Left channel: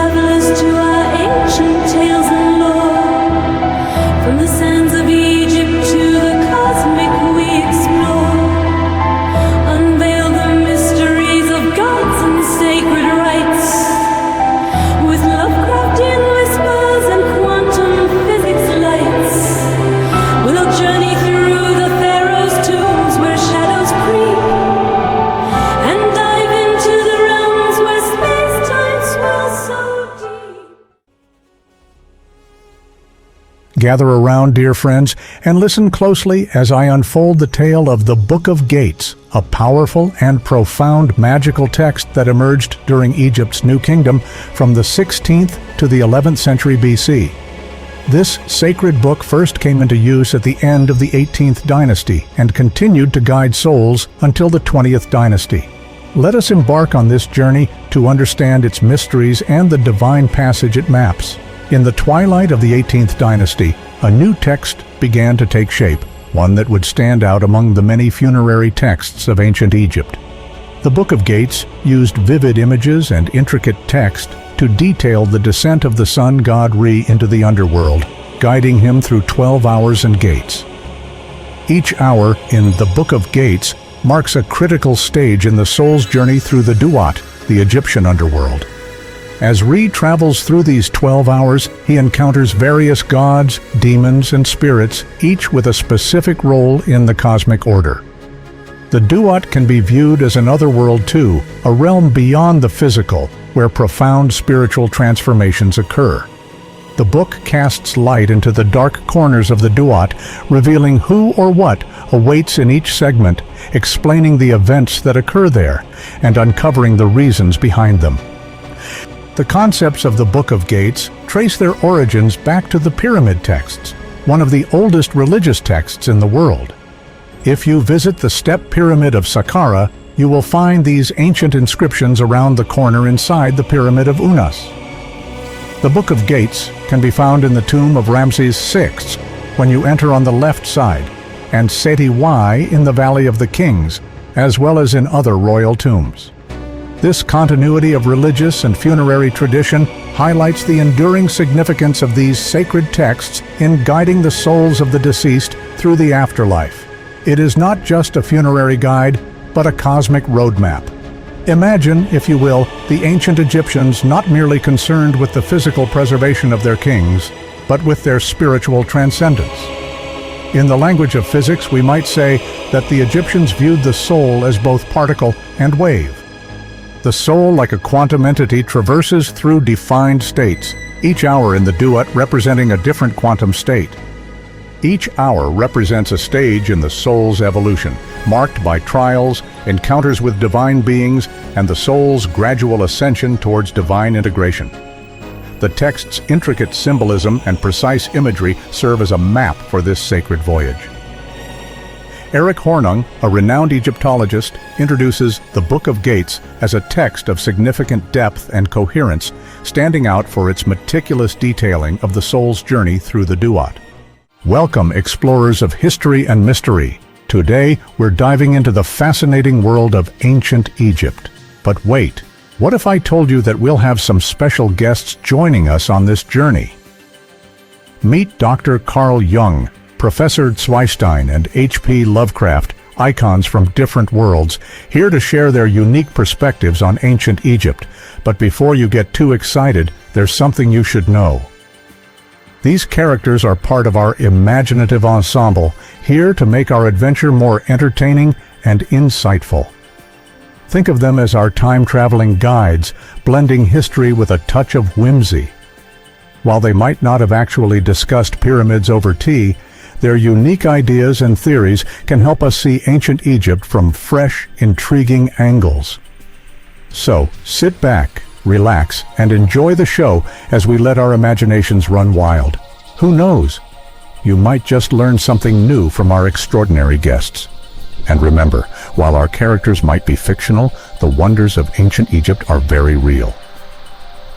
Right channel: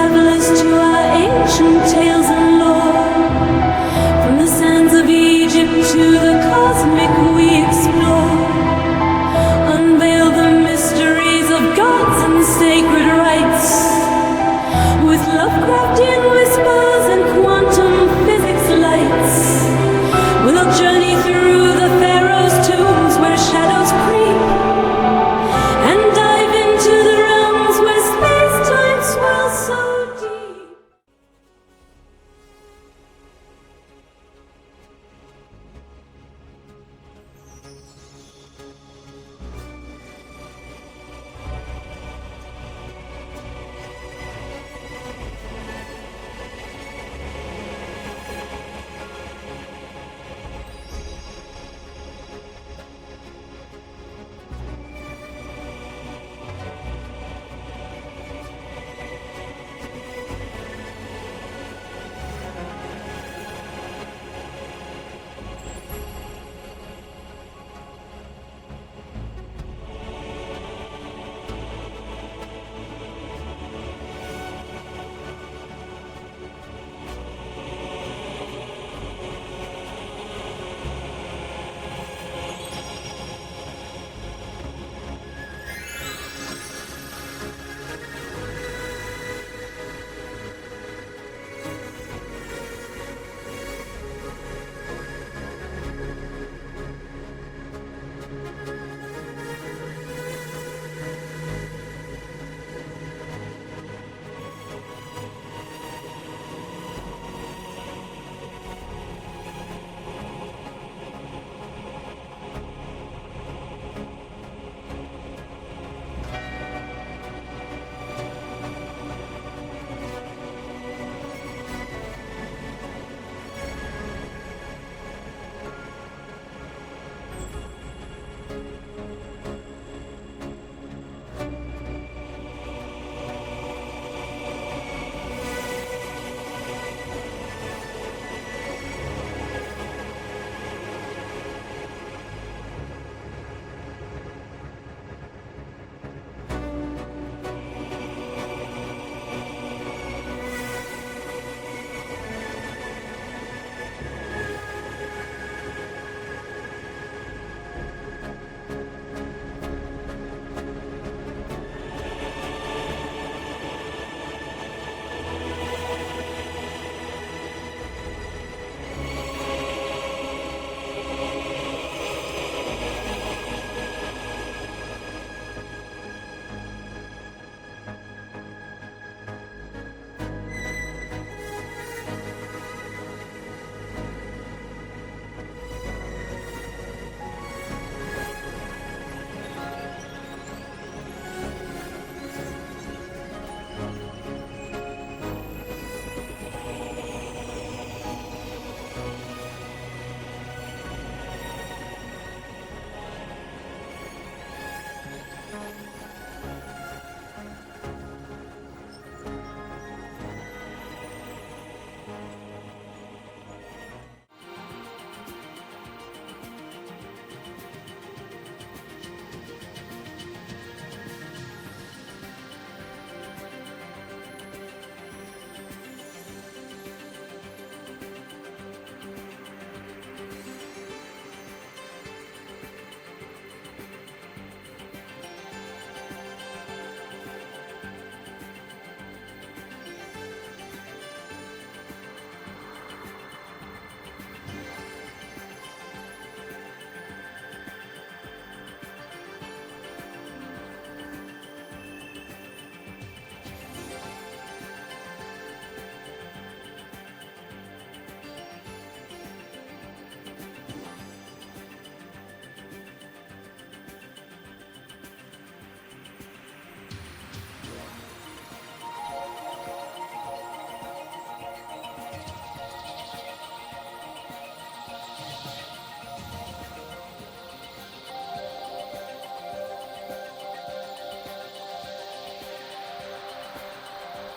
unravel us to our ancient tales and lore. From the sands of Egypt to the cosmic we explore. Unveil the mysteries of gods and sacred rites. With Lovecraftian whispers and quantum physics lights. We'll journey through the pharaoh's tombs where shadows creep. And dive into the realms where space-time swirls so deep. Gather around, dear friends, and listen closely as I unfold the tale of the Book of Gates, a powerful and profound magical text that emerged during Egypt's New Kingdom from the 16th to the 11th century BC. This sacred book first came into use at the end of the 18th dynasty and continued to guide souls until the 20th dynasty. Let us embark on this journey to understand its mysteries and the divine passage it maps. In the twilight of the 18th dynasty, a new text began to take shape, one that would stand out among the many funerary texts of ancient Egypt. The Book of Gates used vivid images and intricate text to detail the descent of the sun god Re into the underworld, guiding him through 12 hours and gates. Each hour in the Book of Gates marks a critical stage in the soul's journey through the Duat, the Egyptian underworld. As Re travels through these 12 hours, he encounters various gods, demons, and spirits, each with a specific role in the cosmic order. The Duat can be viewed as an otherworld too, a realm beyond the physical, where profound spiritual transformations occur. The book casts light into the dark corners of the Duat, revealing who or what awaits in each segment, explaining the events that occur there, and uncovering the reasons behind them. The concepts of the Book of Gates trace their origins back to the pyramid texts, one of the oldest religious texts in the world. If you visit the step pyramid of Saqqara, you will find these ancient inscriptions around the corner inside the pyramid of Unas. The Book of Gates can be found in the tomb of Ramses VI when you enter on the left side, and Seti Y in the Valley of the Kings, as well as in other royal tombs. This continuity of religious and funerary tradition highlights the enduring significance of these sacred texts in guiding the souls of the deceased through the afterlife. It is not just a funerary guide, but a cosmic roadmap. Imagine, if you will, the ancient Egyptians not merely concerned with the physical preservation of their kings, but with their spiritual transcendence. In the language of physics, we might say that the Egyptians viewed the soul as both particle and wave. The soul, like a quantum entity, traverses through defined states, each hour in the Duat representing a different quantum state. Each hour represents a stage in the soul's evolution, marked by trials, encounters with divine beings, and the soul's gradual ascension towards divine integration. The text's intricate symbolism and precise imagery serve as a map for this sacred voyage. Eric Hornung, a renowned Egyptologist, introduces the Book of Gates as a text of significant depth and coherence, standing out for its meticulous detailing of the soul's journey through the Duat. Welcome, explorers of history and mystery. Today, we're diving into the fascinating world of ancient Egypt. But wait, what if I told you that we'll have some special guests joining us on this journey? Meet Dr. Carl Jung, Professor Zweistein, and H.P. Lovecraft, icons from different worlds, here to share their unique perspectives on ancient Egypt. But before you get too excited, there's something you should know. These characters are part of our imaginative ensemble, here to make our adventure more entertaining and insightful. Think of them as our time-traveling guides, blending history with a touch of whimsy. While they might not have actually discussed pyramids over tea, their unique ideas and theories can help us see ancient Egypt from fresh, intriguing angles. So, sit back, relax, and enjoy the show as we let our imaginations run wild. Who knows? You might just learn something new from our extraordinary guests. And remember, while our characters might be fictional, the wonders of ancient Egypt are very real.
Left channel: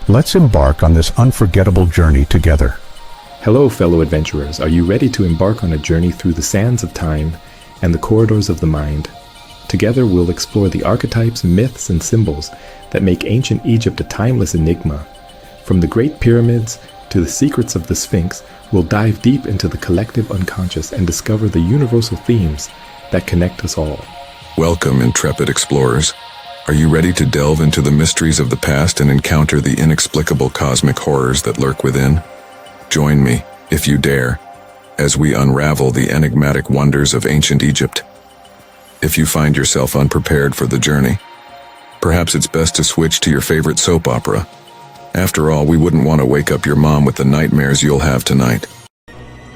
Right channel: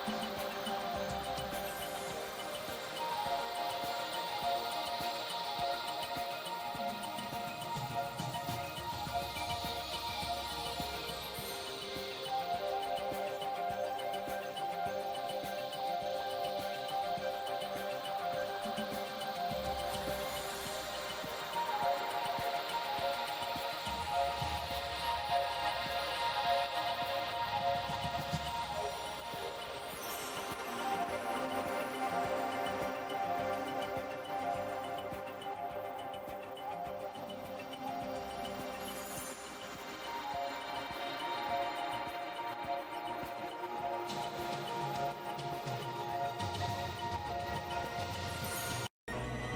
Let's embark on this unforgettable journey together. Hello, fellow adventurers. Are you ready to embark on a journey through the sands of time and the corridors of the mind? Together, we'll explore the archetypes, myths, and symbols that make ancient Egypt a timeless enigma. From the Great Pyramids to the secrets of the Sphinx, we'll dive deep into the collective unconscious and discover the universal themes that connect us all. Welcome, intrepid explorers. Are you ready to delve into the mysteries of the past and encounter the inexplicable cosmic horrors that lurk within? Join me, if you dare, as we unravel the enigmatic wonders of ancient Egypt. If you find yourself unprepared for the journey, perhaps it's best to switch to your favorite soap opera. After all, we wouldn't want to wake up your mom with the nightmares you'll have tonight.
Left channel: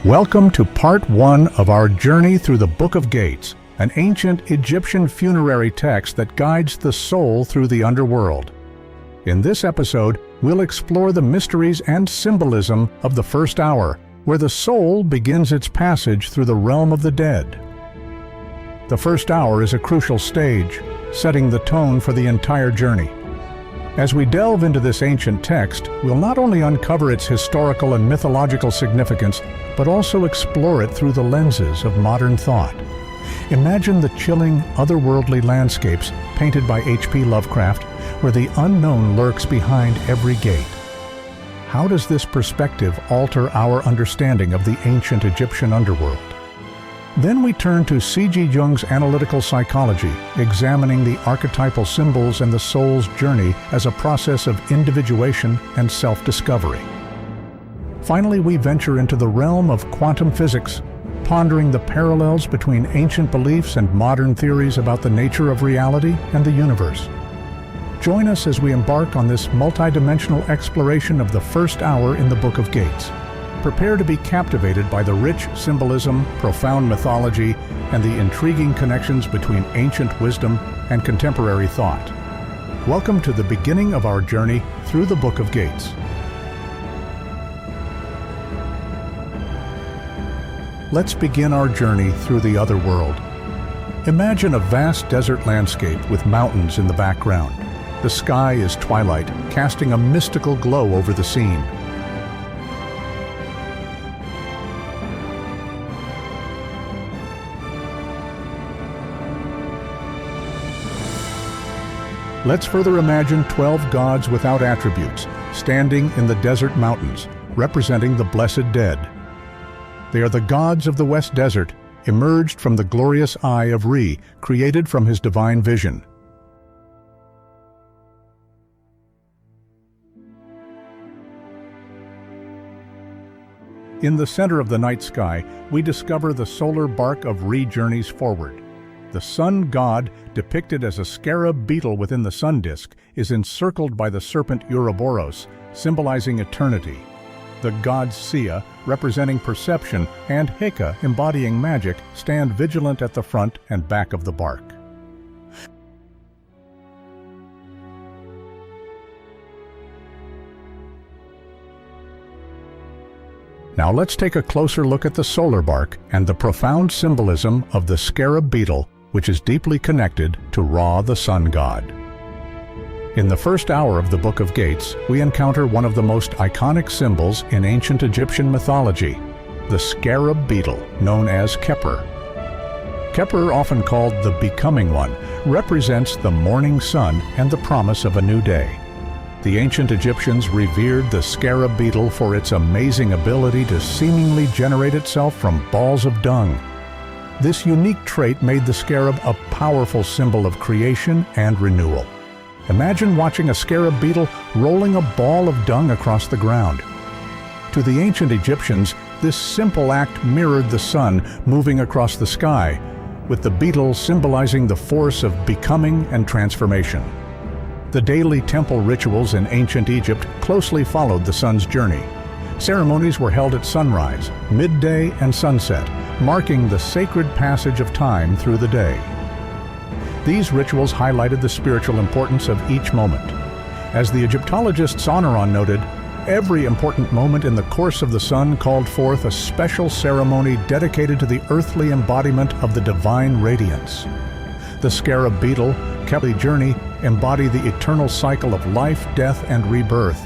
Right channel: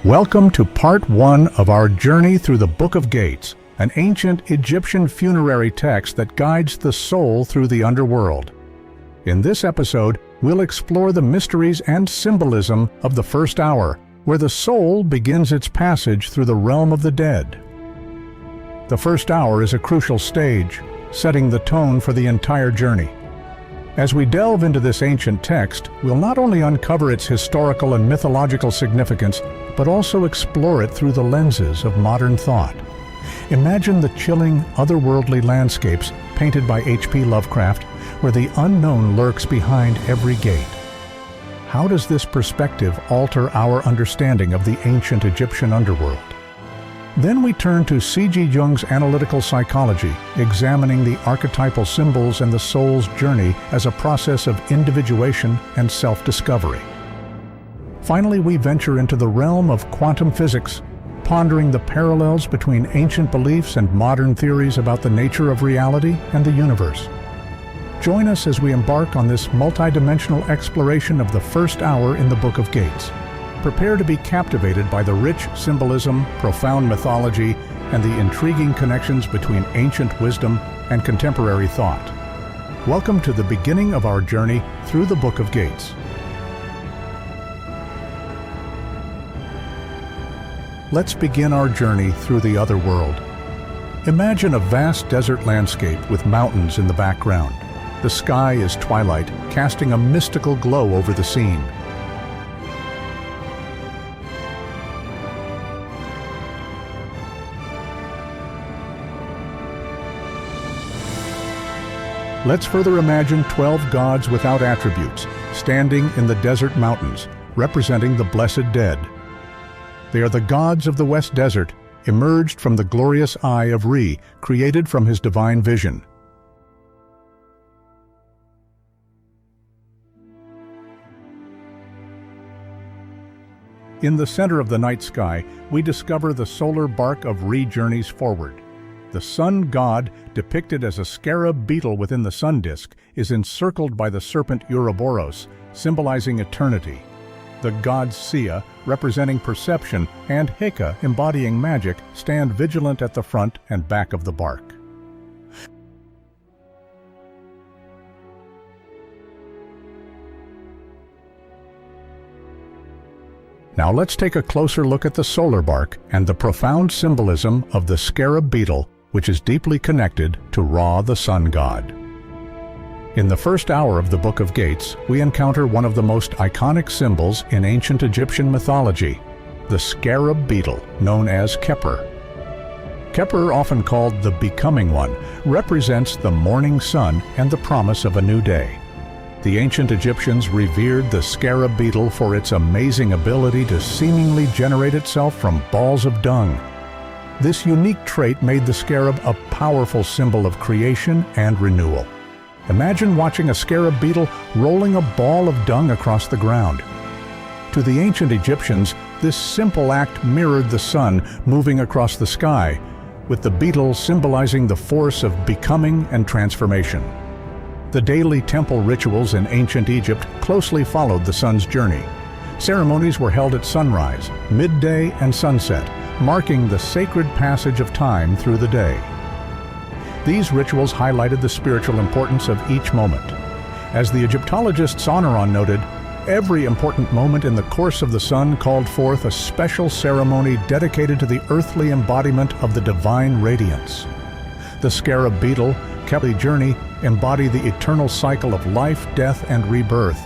Welcome to part 1 of our journey through the Book of Gates, an ancient Egyptian funerary text that guides the soul through the underworld. In this episode, we'll explore the mysteries and symbolism of the first hour, where the soul begins its passage through the realm of the dead. The first hour is a crucial stage, setting the tone for the entire journey. As we delve into this ancient text, we'll not only uncover its historical and mythological significance, but also explore it through the lenses of modern thought. Imagine the chilling, otherworldly landscapes painted by H.P. Lovecraft, where the unknown lurks behind every gate. How does this perspective alter our understanding of the ancient Egyptian underworld? Then we turn to C.G. Jung's analytical psychology, examining the archetypal symbols and the soul's journey as a process of individuation and self-discovery. Finally, we venture into the realm of quantum physics, pondering the parallels between ancient beliefs and modern theories about the nature of reality and the universe. Join us as we embark on this multidimensional exploration of the first hour in the Book of Gates. Prepare to be captivated by the rich symbolism, profound mythology, and the intriguing connections between ancient wisdom and contemporary thought. Welcome to the beginning of our journey through the Book of Gates. Let's begin our journey through the other world. Imagine a vast desert landscape with mountains in the background. The sky is twilight, casting a mystical glow over the scene. Let's further imagine 12 gods without attributes, standing in the desert mountains, representing the blessed dead. They are the gods of the West Desert, emerged from the glorious eye of Re, created from his divine vision. In the center of the night sky, we discover the solar bark of Re journeys forward. The sun god, depicted as a scarab beetle within the sun disk, is encircled by the serpent Ouroboros, symbolizing eternity. The gods Sia, representing perception, and Heka, embodying magic, stand vigilant at the front and back of the bark. Now let's take a closer look at the solar bark and the profound symbolism of the scarab beetle, which is deeply connected to Ra, the sun god. In the first hour of the Book of Gates, we encounter one of the most iconic symbols in ancient Egyptian mythology, the scarab beetle, known as Khepri. Khepri, often called the Becoming One, represents the morning sun and the promise of a new day. The ancient Egyptians revered the scarab beetle for its amazing ability to seemingly generate itself from balls of dung. This unique trait made the scarab a powerful symbol of creation and renewal. Imagine watching a scarab beetle rolling a ball of dung across the ground. To the ancient Egyptians, this simple act mirrored the sun moving across the sky, with the beetle symbolizing the force of becoming and transformation. The daily temple rituals in ancient Egypt closely followed the sun's journey. Ceremonies were held at sunrise, midday, and sunset, marking the sacred passage of time through the day. These rituals highlighted the spiritual importance of each moment. As the Egyptologist Soneron noted, every important moment in the course of the sun called forth a special ceremony dedicated to the earthly embodiment of the divine radiance. The scarab beetle, Khepri journey, embody the eternal cycle of life, death, and rebirth.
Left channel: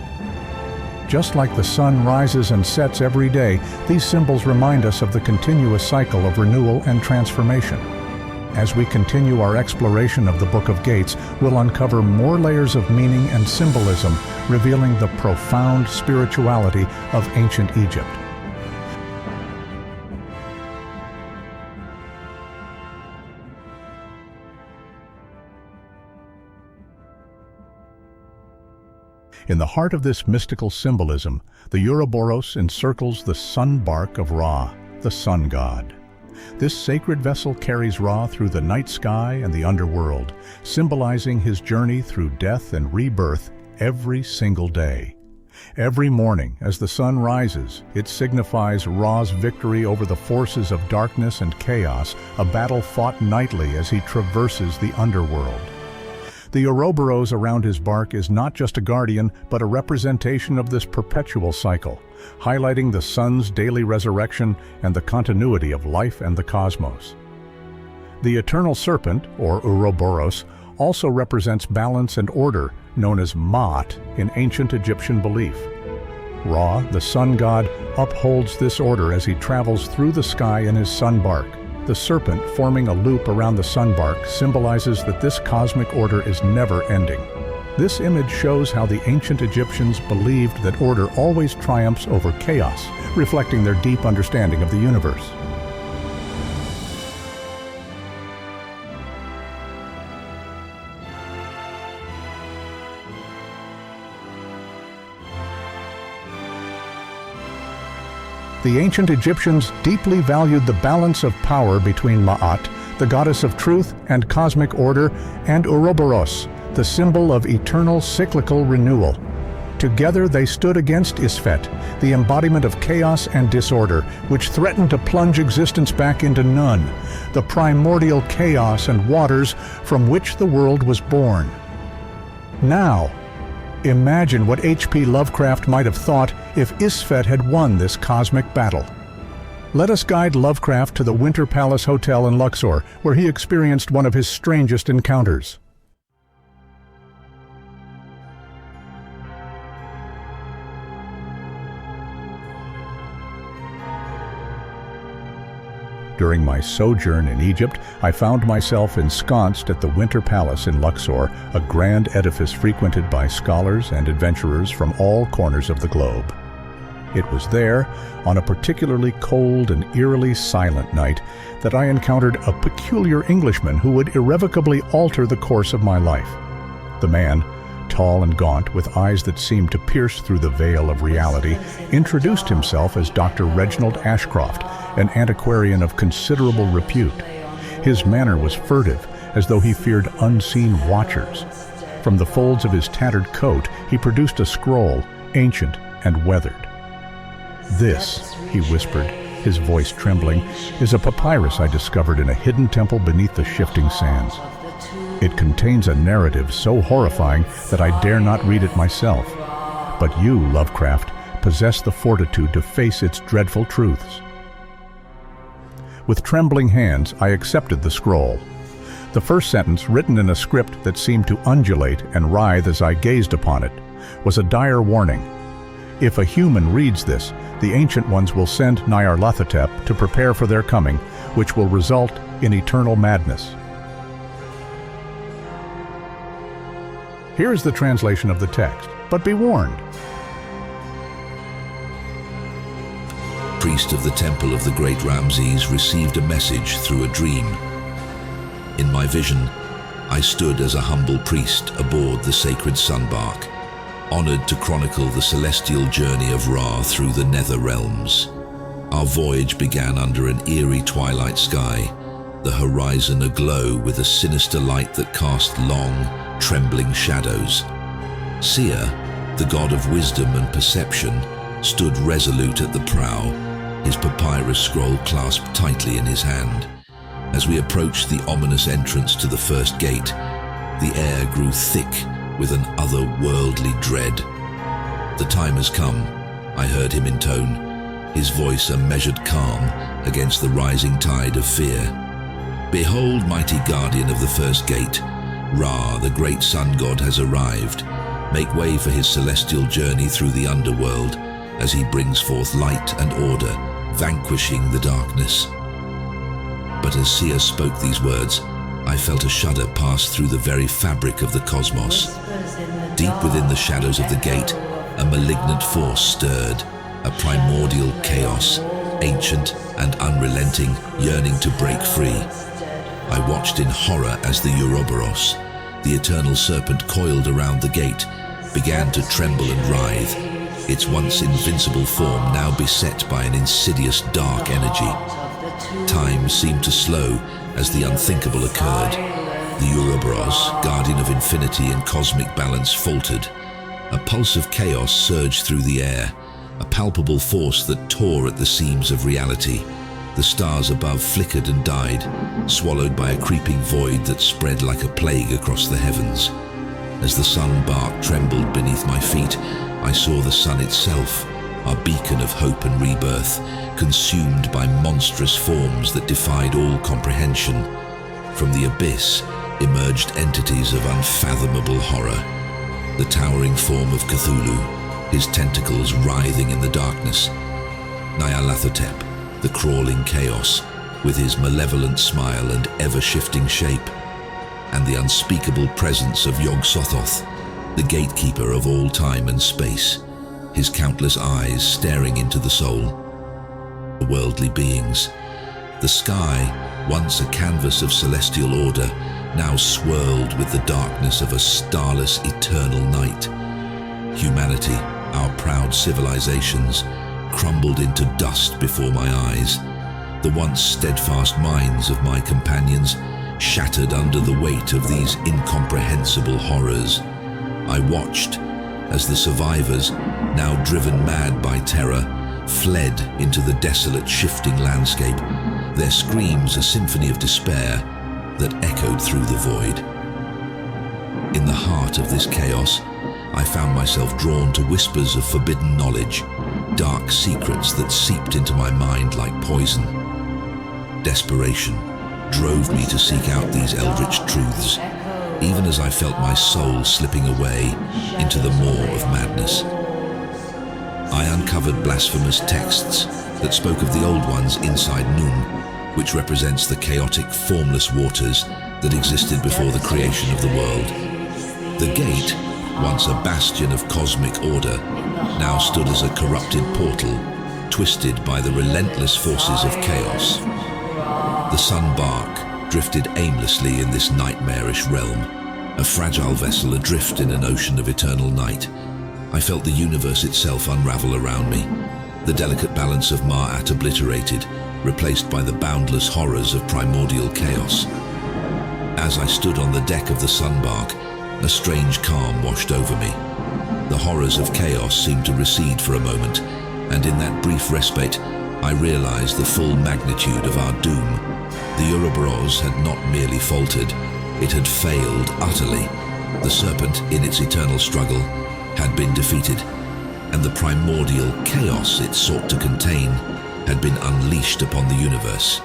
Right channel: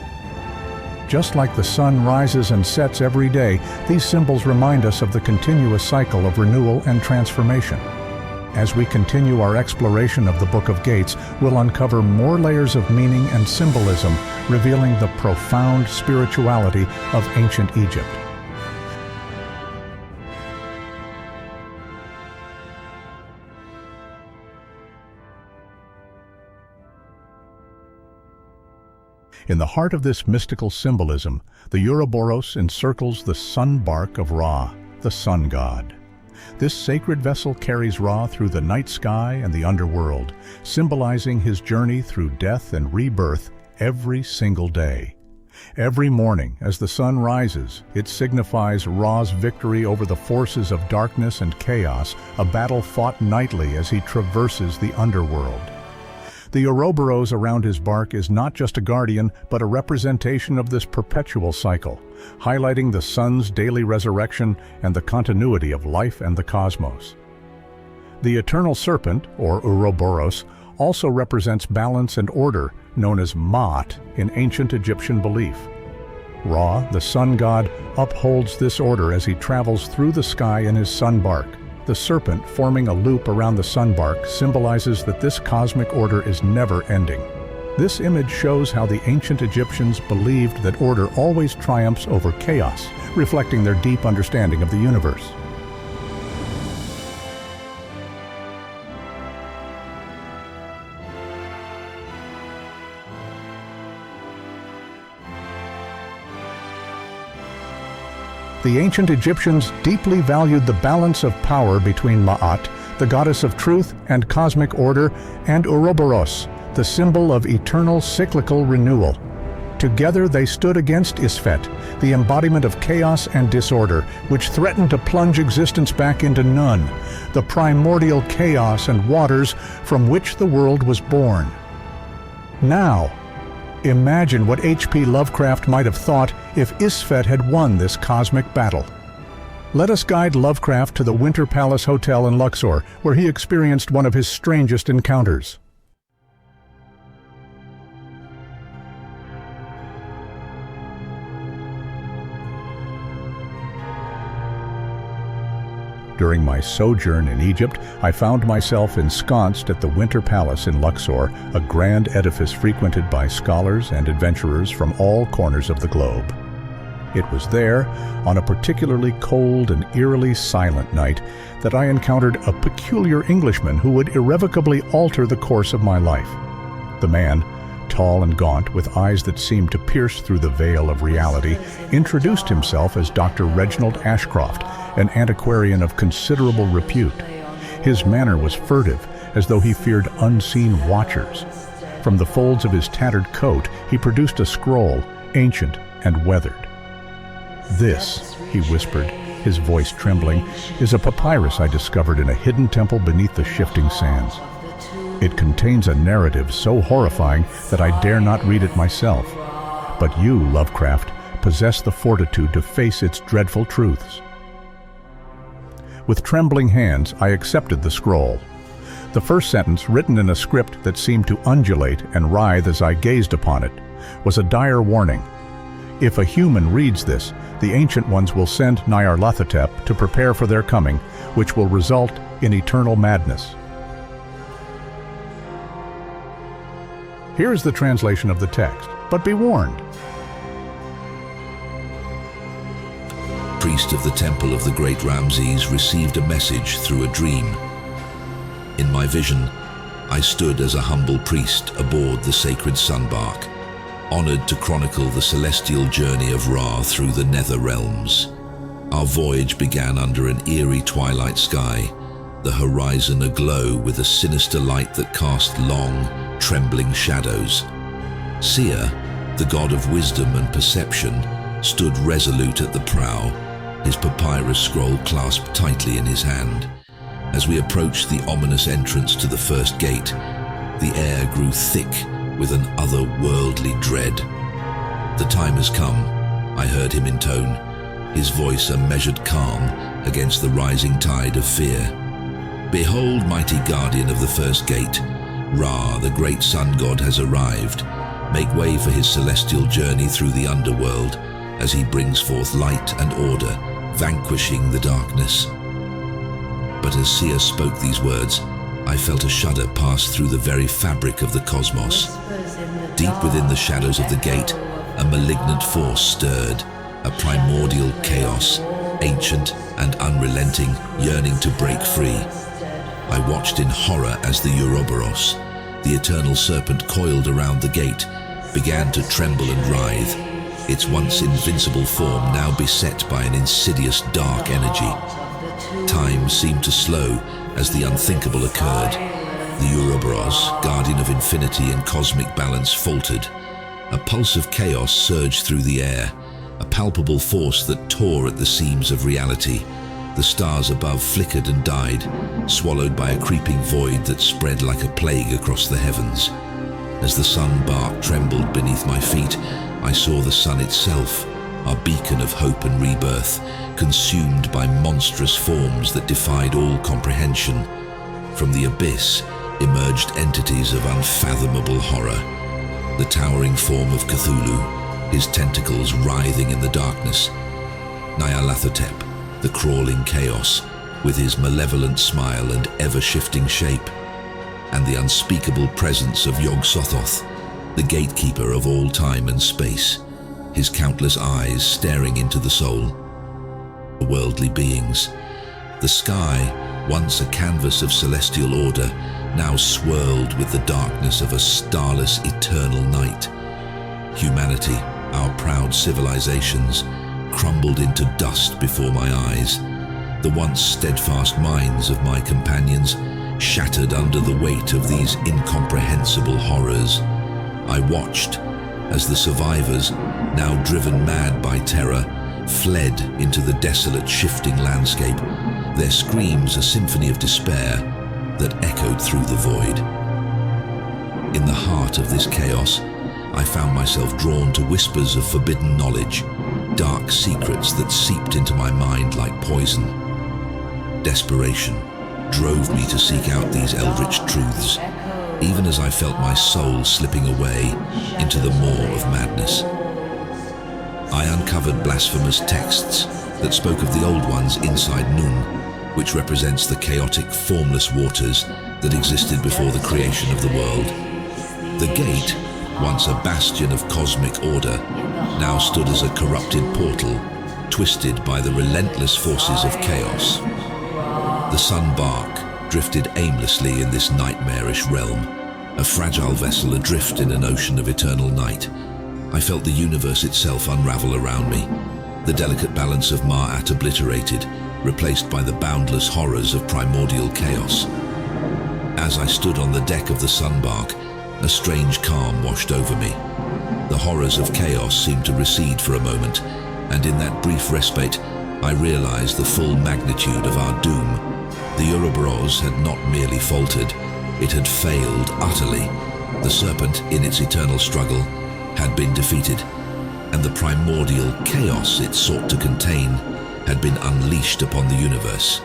Just like the sun rises and sets every day, these symbols remind us of the continuous cycle of renewal and transformation. As we continue our exploration of the Book of Gates, we'll uncover more layers of meaning and symbolism, revealing the profound spirituality of ancient Egypt. In the heart of this mystical symbolism, the Ouroboros encircles the sun bark of Ra, the sun god. This sacred vessel carries Ra through the night sky and the underworld, symbolizing his journey through death and rebirth every single day. Every morning, as the sun rises, it signifies Ra's victory over the forces of darkness and chaos, a battle fought nightly as he traverses the underworld. The Ouroboros around his bark is not just a guardian, but a representation of this perpetual cycle, highlighting the sun's daily resurrection and the continuity of life and the cosmos. The eternal serpent, or Ouroboros, also represents balance and order, known as Ma'at in ancient Egyptian belief. Ra, the sun god, upholds this order as he travels through the sky in his sun bark. The serpent, forming a loop around the sun bark, symbolizes that this cosmic order is never ending. This image shows how the ancient Egyptians believed that order always triumphs over chaos, reflecting their deep understanding of the universe. The ancient Egyptians deeply valued the balance of power between Ma'at, the goddess of truth and cosmic order, and Ouroboros, the symbol of eternal cyclical renewal. Together they stood against Isfet, the embodiment of chaos and disorder, which threatened to plunge existence back into none, the primordial chaos and waters from which the world was born. Now, imagine what H.P. Lovecraft might have thought if Isfet had won this cosmic battle. Let us guide Lovecraft to the Winter Palace Hotel in Luxor, where he experienced one of his strangest encounters. During my sojourn in Egypt, I found myself ensconced at the Winter Palace in Luxor, a grand edifice frequented by scholars and adventurers from all corners of the globe. It was there, on a particularly cold and eerily silent night, that I encountered a peculiar Englishman who would irrevocably alter the course of my life. The man, tall and gaunt, with eyes that seemed to pierce through the veil of reality, introduced himself as Dr. Reginald Ashcroft, an antiquarian of considerable repute. His manner was furtive, as though he feared unseen watchers. From the folds of his tattered coat, he produced a scroll, ancient and weathered. "This," he whispered, his voice trembling, "is a papyrus I discovered in a hidden temple beneath the shifting sands. It contains a narrative so horrifying that I dare not read it myself. But you, Lovecraft, possess the fortitude to face its dreadful truths." With trembling hands, I accepted the scroll. The first sentence, written in a script that seemed to undulate and writhe as I gazed upon it, was a dire warning. If a human reads this, the Ancient Ones will send Nyarlathotep to prepare for their coming, which will result in eternal madness. Here is the translation of the text, but be warned. Priest of the Temple of the Great Ramses received a message through a dream. In my vision, I stood as a humble priest aboard the sacred sunbark, honored to chronicle the celestial journey of Ra through the nether realms. Our voyage began under an eerie twilight sky, the horizon aglow with a sinister light that cast long, trembling shadows. Seer, the god of wisdom and perception, stood resolute at the prow, his papyrus scroll clasped tightly in his hand. As we approached the ominous entrance to the first gate, the air grew thick with an otherworldly dread. "The time has come," I heard him intone, his voice a measured calm against the rising tide of fear. "Behold, mighty guardian of the first gate, Ra, the great sun god, has arrived. Make way for his celestial journey through the underworld as he brings forth light and order, vanquishing the darkness." But as Sia spoke these words, I felt a shudder pass through the very fabric of the cosmos. Deep within the shadows of the gate, a malignant force stirred, a primordial chaos, ancient and unrelenting, yearning to break free. I watched in horror as the Ouroboros, the eternal serpent coiled around the gate, began to tremble and writhe, its once invincible form now beset by an insidious dark energy. Time seemed to slow as the unthinkable occurred. The Ouroboros, guardian of infinity and cosmic balance, faltered. A pulse of chaos surged through the air, a palpable force that tore at the seams of reality. The stars above flickered and died, swallowed by a creeping void that spread like a plague across the heavens. As the sun bark trembled beneath my feet, I saw the sun itself, our beacon of hope and rebirth, consumed by monstrous forms that defied all comprehension. From the abyss emerged entities of unfathomable horror. The towering form of Cthulhu, his tentacles writhing in the darkness. Nyarlathotep, the crawling chaos, with his malevolent smile and ever-shifting shape. And the unspeakable presence of Yog-Sothoth, the gatekeeper of all time and space, his countless eyes staring into the soul. The worldly beings. The sky, once a canvas of celestial order, now swirled with the darkness of a starless eternal night. Humanity, our proud civilizations, crumbled into dust before my eyes. The once steadfast minds of my companions shattered under the weight of these incomprehensible horrors. I watched as the survivors, now driven mad by terror, fled into the desolate, shifting landscape, their screams a symphony of despair that echoed through the void. In the heart of this chaos, I found myself drawn to whispers of forbidden knowledge, dark secrets that seeped into my mind like poison. Desperation drove me to seek out these eldritch truths, even as I felt my soul slipping away into the maw of madness. I uncovered blasphemous texts that spoke of the Old Ones inside Nun, which represents the chaotic, formless waters that existed before the creation of the world. The gate, once a bastion of cosmic order, now stood as a corrupted portal, twisted by the relentless forces of chaos. The sun bark drifted aimlessly in this nightmarish realm, a fragile vessel adrift in an ocean of eternal night. I felt the universe itself unravel around me, the delicate balance of Ma'at obliterated, replaced by the boundless horrors of primordial chaos. As I stood on the deck of the sunbark, a strange calm washed over me. The horrors of chaos seemed to recede for a moment, and in that brief respite, I realized the full magnitude of our doom. The Ouroboros had not merely faltered, it had failed utterly. The serpent, in its eternal struggle, had been defeated, and the primordial chaos it sought to contain had been unleashed upon the universe.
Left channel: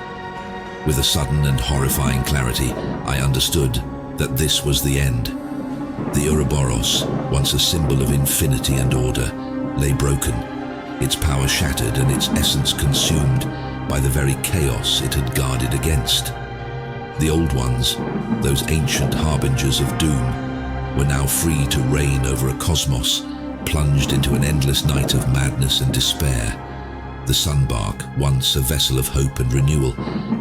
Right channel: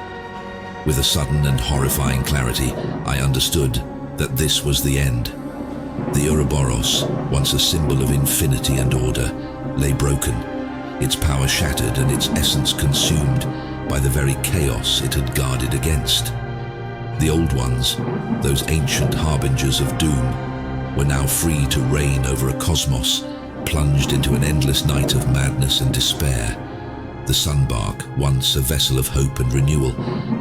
With a sudden and horrifying clarity, I understood that this was the end. The Ouroboros, once a symbol of infinity and order, lay broken, its power shattered and its essence consumed by the very chaos it had guarded against. The Old Ones, those ancient harbingers of doom, were now free to reign over a cosmos plunged into an endless night of madness and despair. The sunbark, once a vessel of hope and renewal,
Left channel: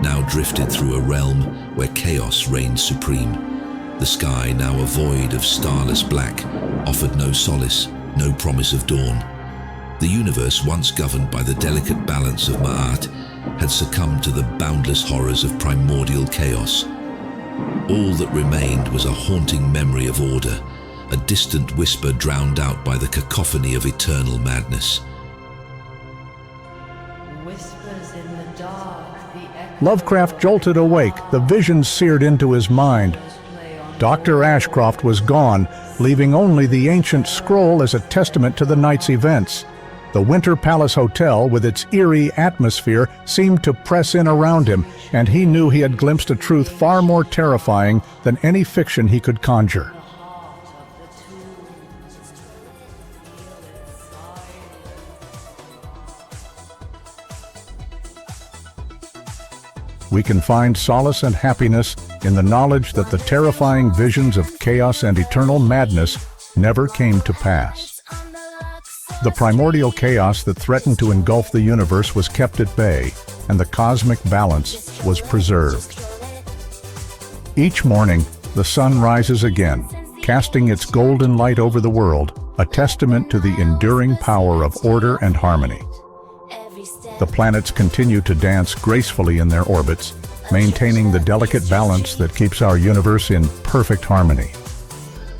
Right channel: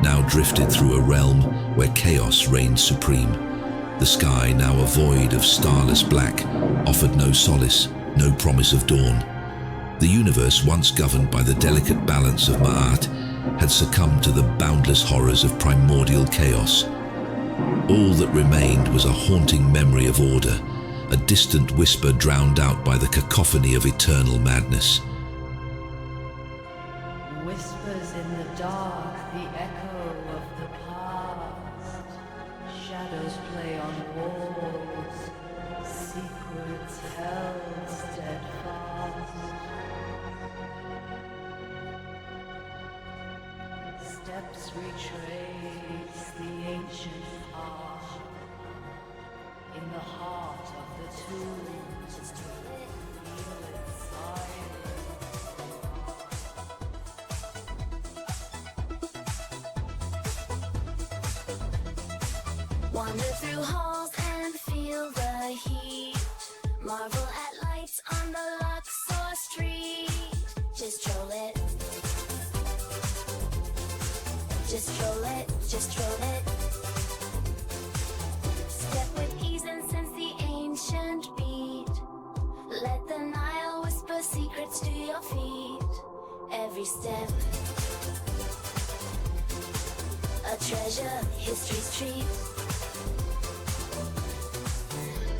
now drifted through a realm where chaos reigned supreme. The sky, now a void of starless black, offered no solace, no promise of dawn. The universe, once governed by the delicate balance of Ma'at, had succumbed to the boundless horrors of primordial chaos. All that remained was a haunting memory of order, a distant whisper drowned out by the cacophony of eternal madness. Whispers in the dark, the echo Lovecraft jolted awake, the visions seared into his mind. Dr. Ashcroft was gone, leaving only the ancient scroll as a testament to the night's events. The Winter Palace Hotel, with its eerie atmosphere, seemed to press in around him, and he knew he had glimpsed a truth far more terrifying than any fiction he could conjure. we can find solace and happiness in the knowledge that the terrifying visions of chaos and eternal madness never came to pass. The primordial chaos that threatened to engulf the universe was kept at bay, and the cosmic balance was preserved. Each morning, the sun rises again, casting its golden light over the world, a testament to the enduring power of order and harmony. The planets continue to dance gracefully in their orbits, maintaining the delicate balance that keeps our universe in perfect harmony.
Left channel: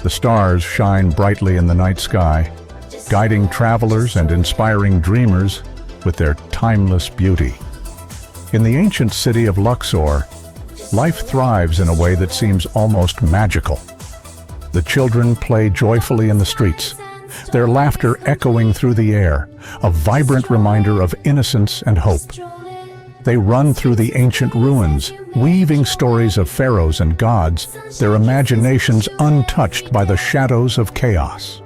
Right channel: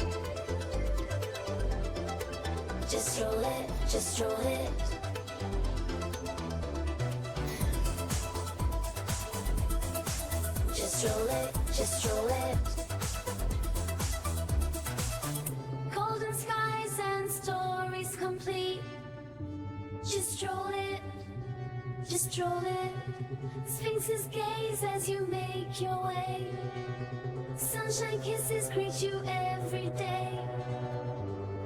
The stars shine brightly in the night sky, guiding travelers and inspiring dreamers with their timeless beauty. In the ancient city of Luxor, life thrives in a way that seems almost magical. The children play joyfully in the streets, their laughter echoing through the air, a vibrant reminder of innocence and hope. They run through the ancient ruins, weaving stories of pharaohs and gods, their imaginations untouched by the shadows of chaos.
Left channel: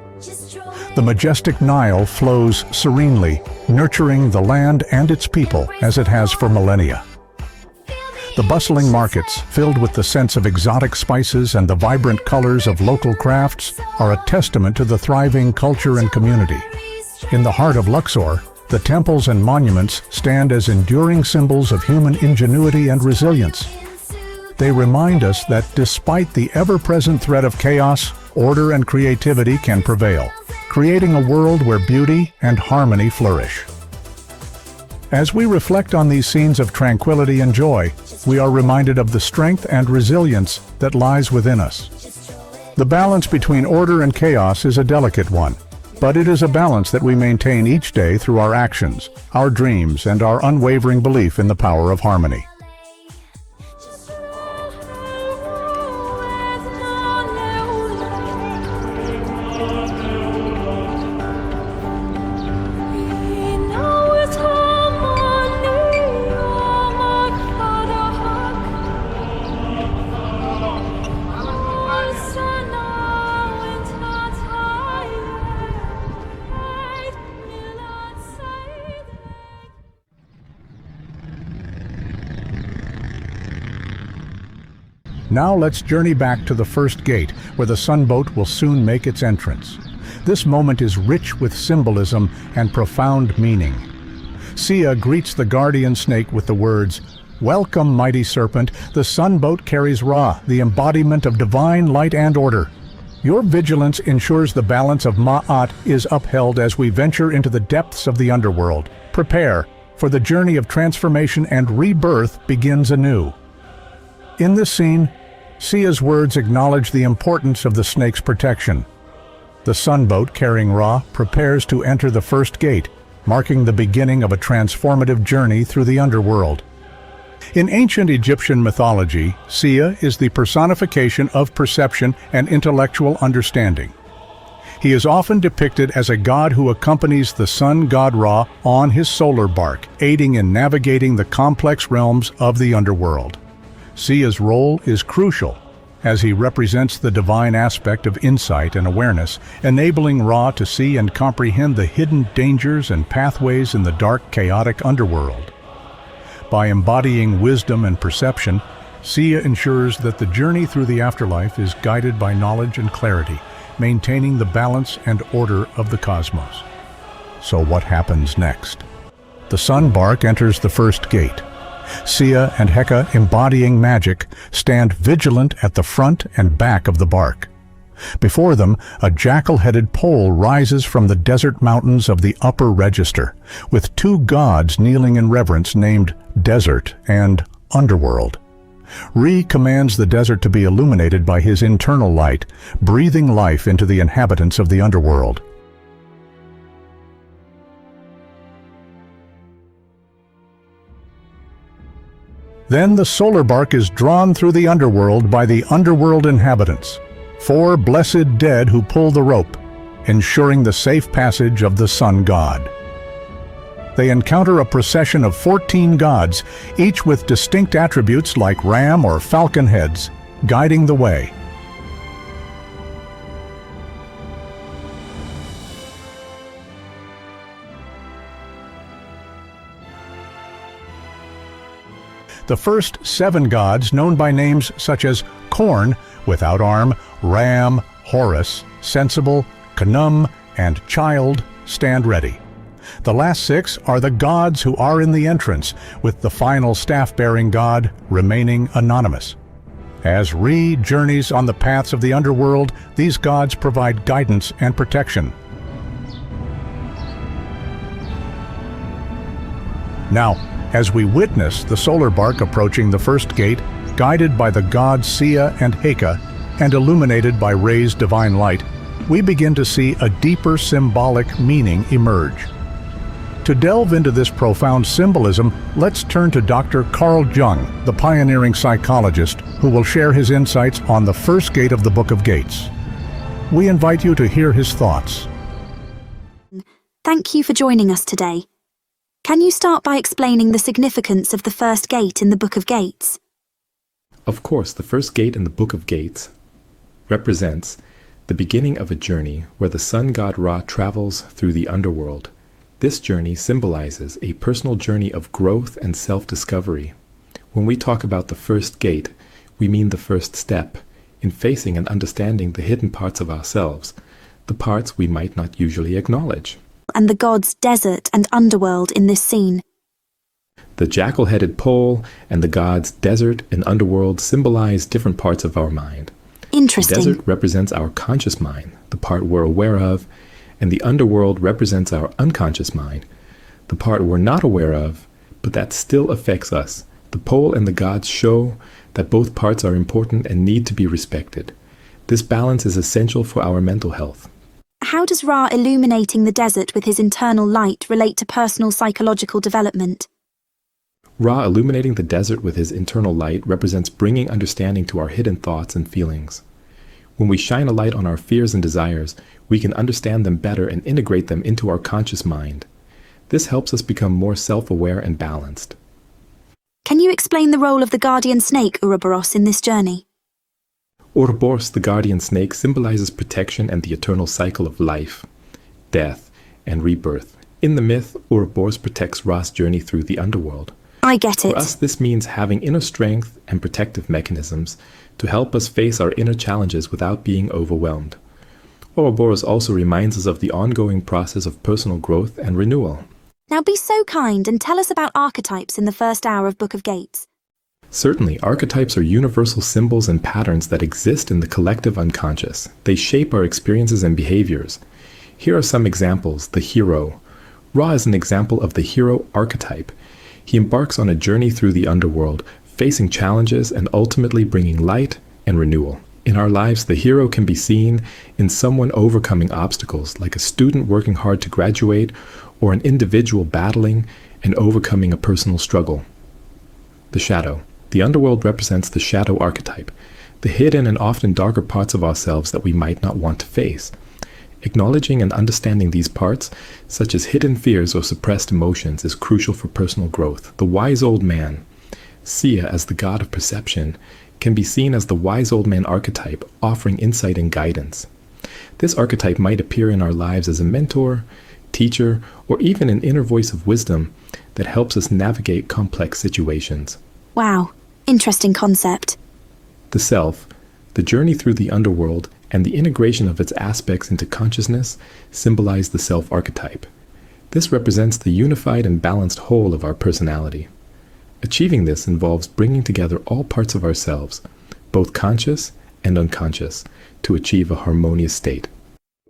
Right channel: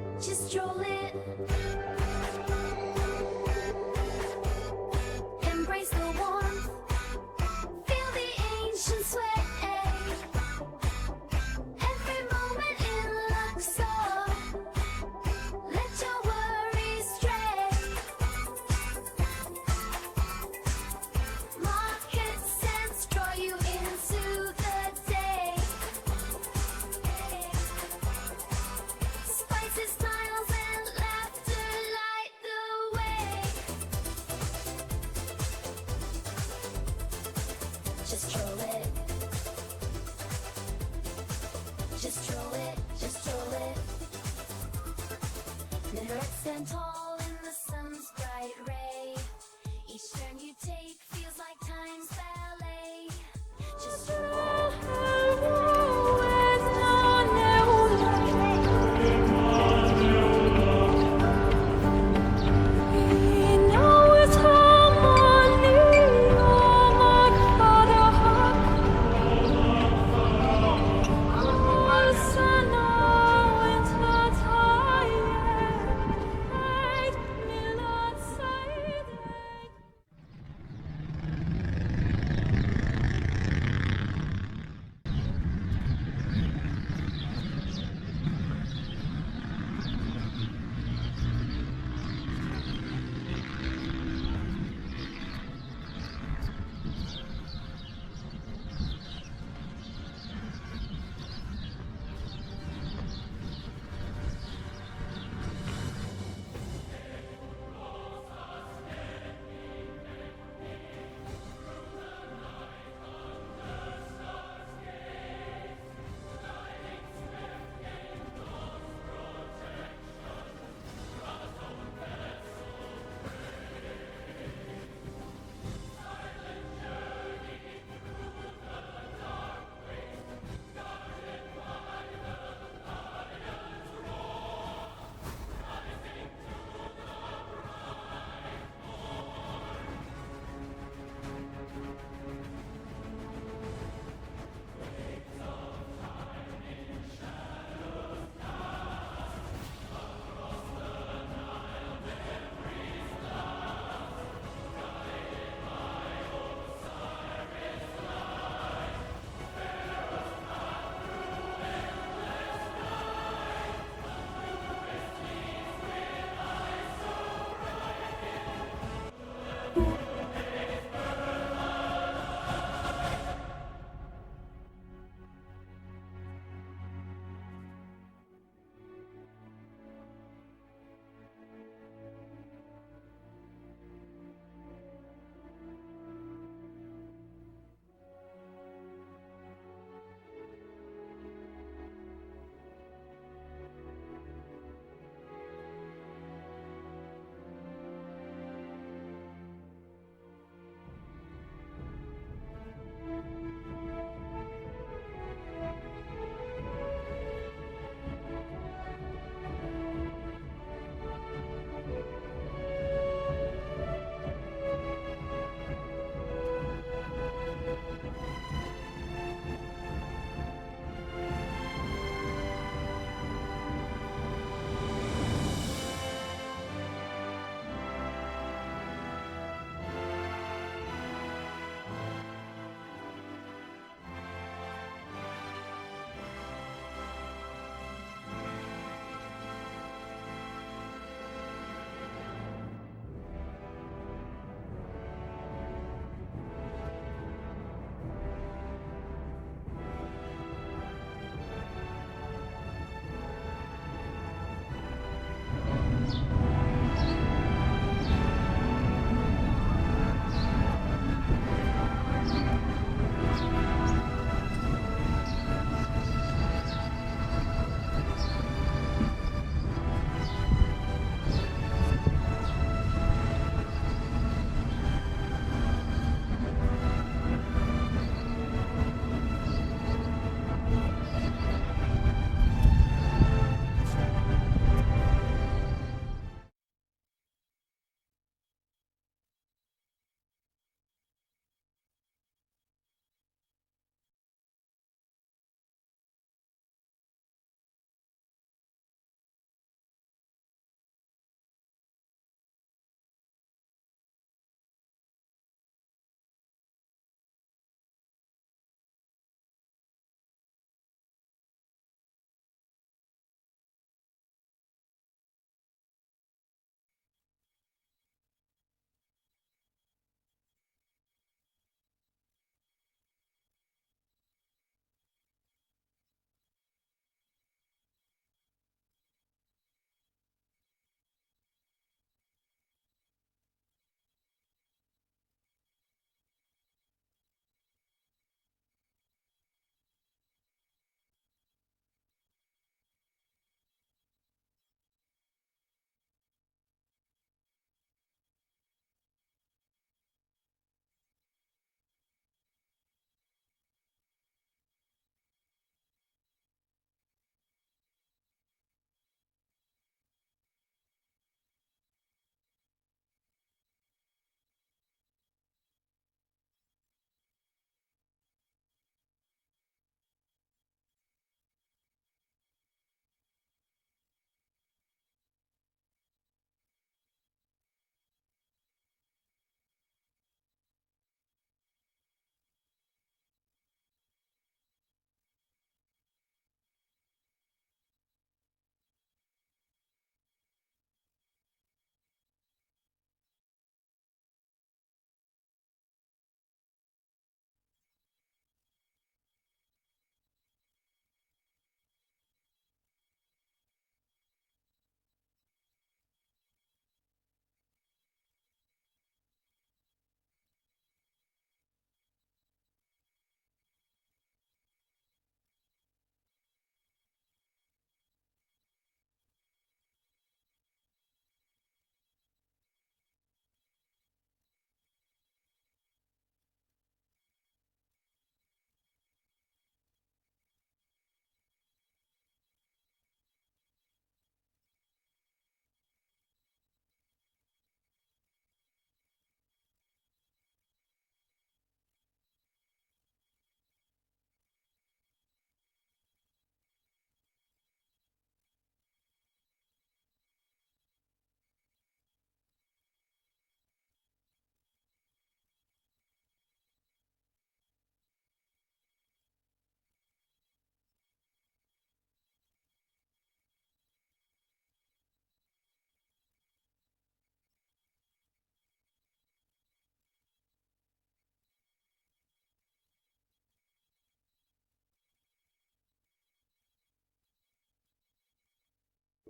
The majestic Nile flows serenely, nurturing the land and its people as it has for millennia. The bustling markets, filled with the scents of exotic spices and the vibrant colors of local crafts, are a testament to the thriving culture and community. In the heart of Luxor, the temples and monuments stand as enduring symbols of human ingenuity and resilience. They remind us that despite the ever-present threat of chaos, order and creativity can prevail, creating a world where beauty and harmony flourish. As we reflect on these scenes of tranquility and joy, we are reminded of the strength and resilience that lies within us. The balance between order and chaos is a delicate one, but it is a balance that we maintain each day through our actions, our dreams, and our unwavering belief in the power of harmony. Now let's journey back to the first gate, where the sunboat will soon make its entrance. This moment is rich with symbolism and profound meaning. Sia greets the guardian snake with the words, "Welcome, mighty serpent, the sunboat carries Ra, the embodiment of divine light and order. Your vigilance ensures the balance of Ma'at is upheld as we venture into the depths of the underworld. Prepare, for the journey of transformation and rebirth begins anew." In this scene, Sia's words acknowledge the importance of the snake's protection. The sunboat carrying Ra prepares to enter the first gate, marking the beginning of a transformative journey through the underworld. In ancient Egyptian mythology, Sia is the personification of perception and intellectual understanding. He is often depicted as a god who accompanies the sun god Ra on his solar bark, aiding in navigating the complex realms of the underworld. Sia's role is crucial, as he represents the divine aspect of insight and awareness, enabling Ra to see and comprehend the hidden dangers and pathways in the dark, chaotic underworld. By embodying wisdom and perception, Sia ensures that the journey through the afterlife is guided by knowledge and clarity, maintaining the balance and order of the cosmos. So what happens next? The sun bark enters the first gate. Sia and Heka, embodying magic, stand vigilant at the front and back of the bark. Before them, a jackal-headed pole rises from the desert mountains of the upper register, with two gods kneeling in reverence named Desert and Underworld. Re commands the desert to be illuminated by his internal light, breathing life into the inhabitants of the underworld. Then the solar bark is drawn through the underworld by the underworld inhabitants, 4 blessed dead who pull the rope, ensuring the safe passage of the sun god. They encounter a procession of 14 gods, each with distinct attributes like ram or falcon heads, guiding the way. The first 7 gods, known by names such as Corn, without arm, Ram, Horus, Sensible, Khnum, and Child, stand ready. The last 6 are the gods who are in the entrance, with the final staff-bearing god remaining anonymous. As Re journeys on the paths of the underworld, these gods provide guidance and protection. Now, as we witness the solar bark approaching the first gate, guided by the gods Sia and Heka, and illuminated by Re's divine light, we begin to see a deeper symbolic meaning emerge. To delve into this profound symbolism, let's turn to Dr. Carl Jung, the pioneering psychologist, who will share his insights on the first gate of the Book of Gates. We invite you to hear his thoughts. Thank you for joining us today. Can you start by explaining the significance of the first gate in the Book of Gates? Of course, the first gate in the Book of Gates represents the beginning of a journey where the sun god Ra travels through the underworld. This journey symbolizes a personal journey of growth and self-discovery. When we talk about the first gate, we mean the first step in facing and understanding the hidden parts of ourselves, the parts we might not usually acknowledge. And the gods desert and underworld in this scene. The jackal-headed pole and the gods desert and underworld symbolize different parts of our mind. Interesting. The desert represents our conscious mind, the part we're aware of, and the underworld represents our unconscious mind, the part we're not aware of, but that still affects us. The pole and the gods show that both parts are important and need to be respected. This balance is essential for our mental health. How does Ra illuminating the desert with his internal light relate to personal psychological development? Ra illuminating the desert with his internal light represents bringing understanding to our hidden thoughts and feelings. When we shine a light on our fears and desires, we can understand them better and integrate them into our conscious mind. This helps us become more self-aware and balanced. Can you explain the role of the guardian snake Ouroboros in this journey? Ouroboros, the guardian snake, symbolizes protection and the eternal cycle of life, death, and rebirth. In the myth, Ouroboros protects Ra's journey through the underworld. I get it. For us, this means having inner strength and protective mechanisms to help us face our inner challenges without being overwhelmed. Ouroboros also reminds us of the ongoing process of personal growth and renewal. Now be so kind and tell us about archetypes in the first hour of Book of Gates. Certainly, archetypes are universal symbols and patterns that exist in the collective unconscious. They shape our experiences and behaviors. Here are some examples. The hero. Ra is an example of the hero archetype. He embarks on a journey through the underworld, facing challenges and ultimately bringing light and renewal. In our lives, the hero can be seen in someone overcoming obstacles, like a student working hard to graduate, or an individual battling and overcoming a personal struggle. The shadow. The underworld represents the shadow archetype, the hidden and often darker parts of ourselves that we might not want to face. Acknowledging and understanding these parts, such as hidden fears or suppressed emotions, is crucial for personal growth. The wise old man. Sia, as the god of perception, can be seen as the wise old man archetype, offering insight and guidance. This archetype might appear in our lives as a mentor, teacher, or even an inner voice of wisdom that helps us navigate complex situations. Wow, interesting concept. The self, the journey through the underworld, and the integration of its aspects into consciousness symbolize the self archetype. This represents the unified and balanced whole of our personality. Achieving this involves bringing together all parts of ourselves, both conscious and unconscious, to achieve a harmonious state.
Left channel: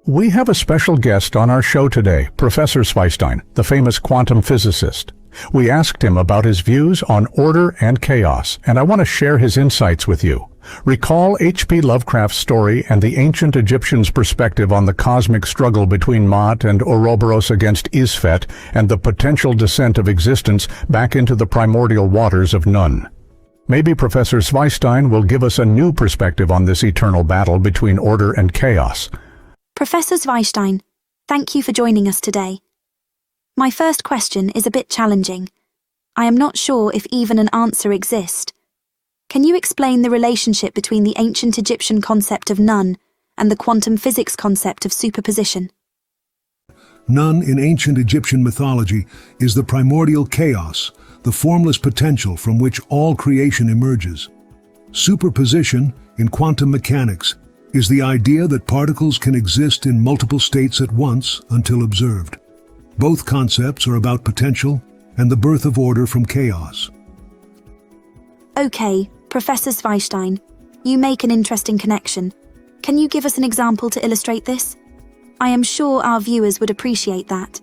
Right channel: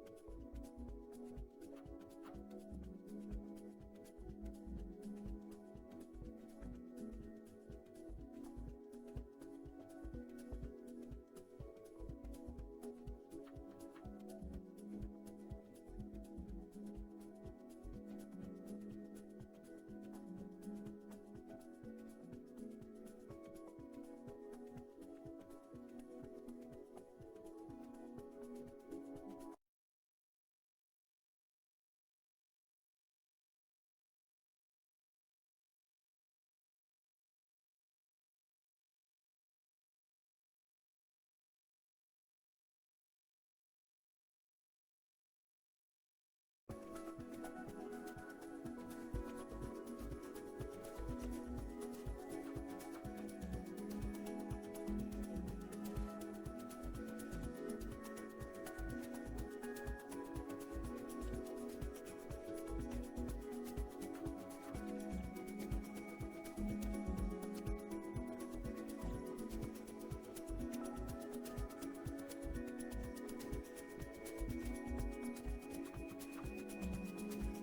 We have a special guest on our show today, Professor Zweistein, the famous quantum physicist. We asked him about his views on order and chaos, and I want to share his insights with you. Recall H.P. Lovecraft's story and the ancient Egyptians' perspective on the cosmic struggle between Maat and Ouroboros against Isfet and the potential descent of existence back into the primordial waters of Nun. Maybe Professor Zweistein will give us a new perspective on this eternal battle between order and chaos. Professor Zweistein, thank you for joining us today. My first question is a bit challenging. I am not sure if even an answer exists. Can you explain the relationship between the ancient Egyptian concept of Nun and the quantum physics concept of superposition? Nun in ancient Egyptian mythology is the primordial chaos, the formless potential from which all creation emerges. Superposition, in quantum mechanics, is the idea that particles can exist in multiple states at once until observed. Both concepts are about potential and the birth of order from chaos. Okay, Professor Zweistein, you make an interesting connection. Can you give us an example to illustrate this? I am sure our viewers would appreciate that.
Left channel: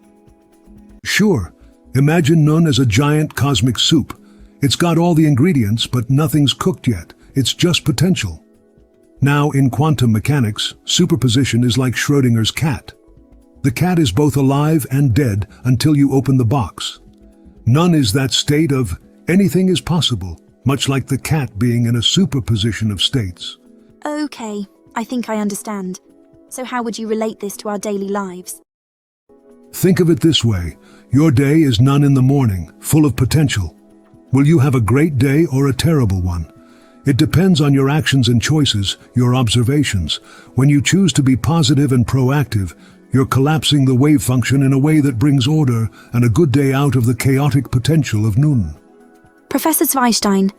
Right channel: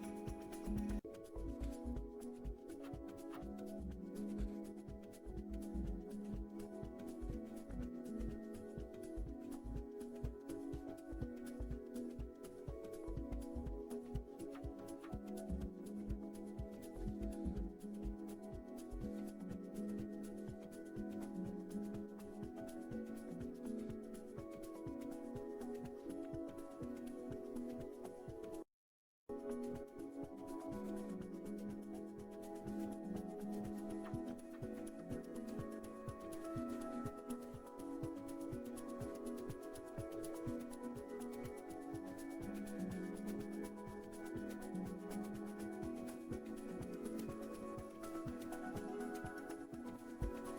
Sure. Imagine Nun as a giant cosmic soup. It's got all the ingredients, but nothing's cooked yet. It's just potential. Now, in quantum mechanics, superposition is like Schrödinger's cat. The cat is both alive and dead until you open the box. Nun is that state of anything is possible, much like the cat being in a superposition of states. Okay, I think I understand. So how would you relate this to our daily lives? Think of it this way. Your day is Nun in the morning, full of potential. Will you have a great day or a terrible one? It depends on your actions and choices, your observations. When you choose to be positive and proactive, you're collapsing the wave function in a way that brings order and a good day out of the chaotic potential of Nun. Professor Zweistein,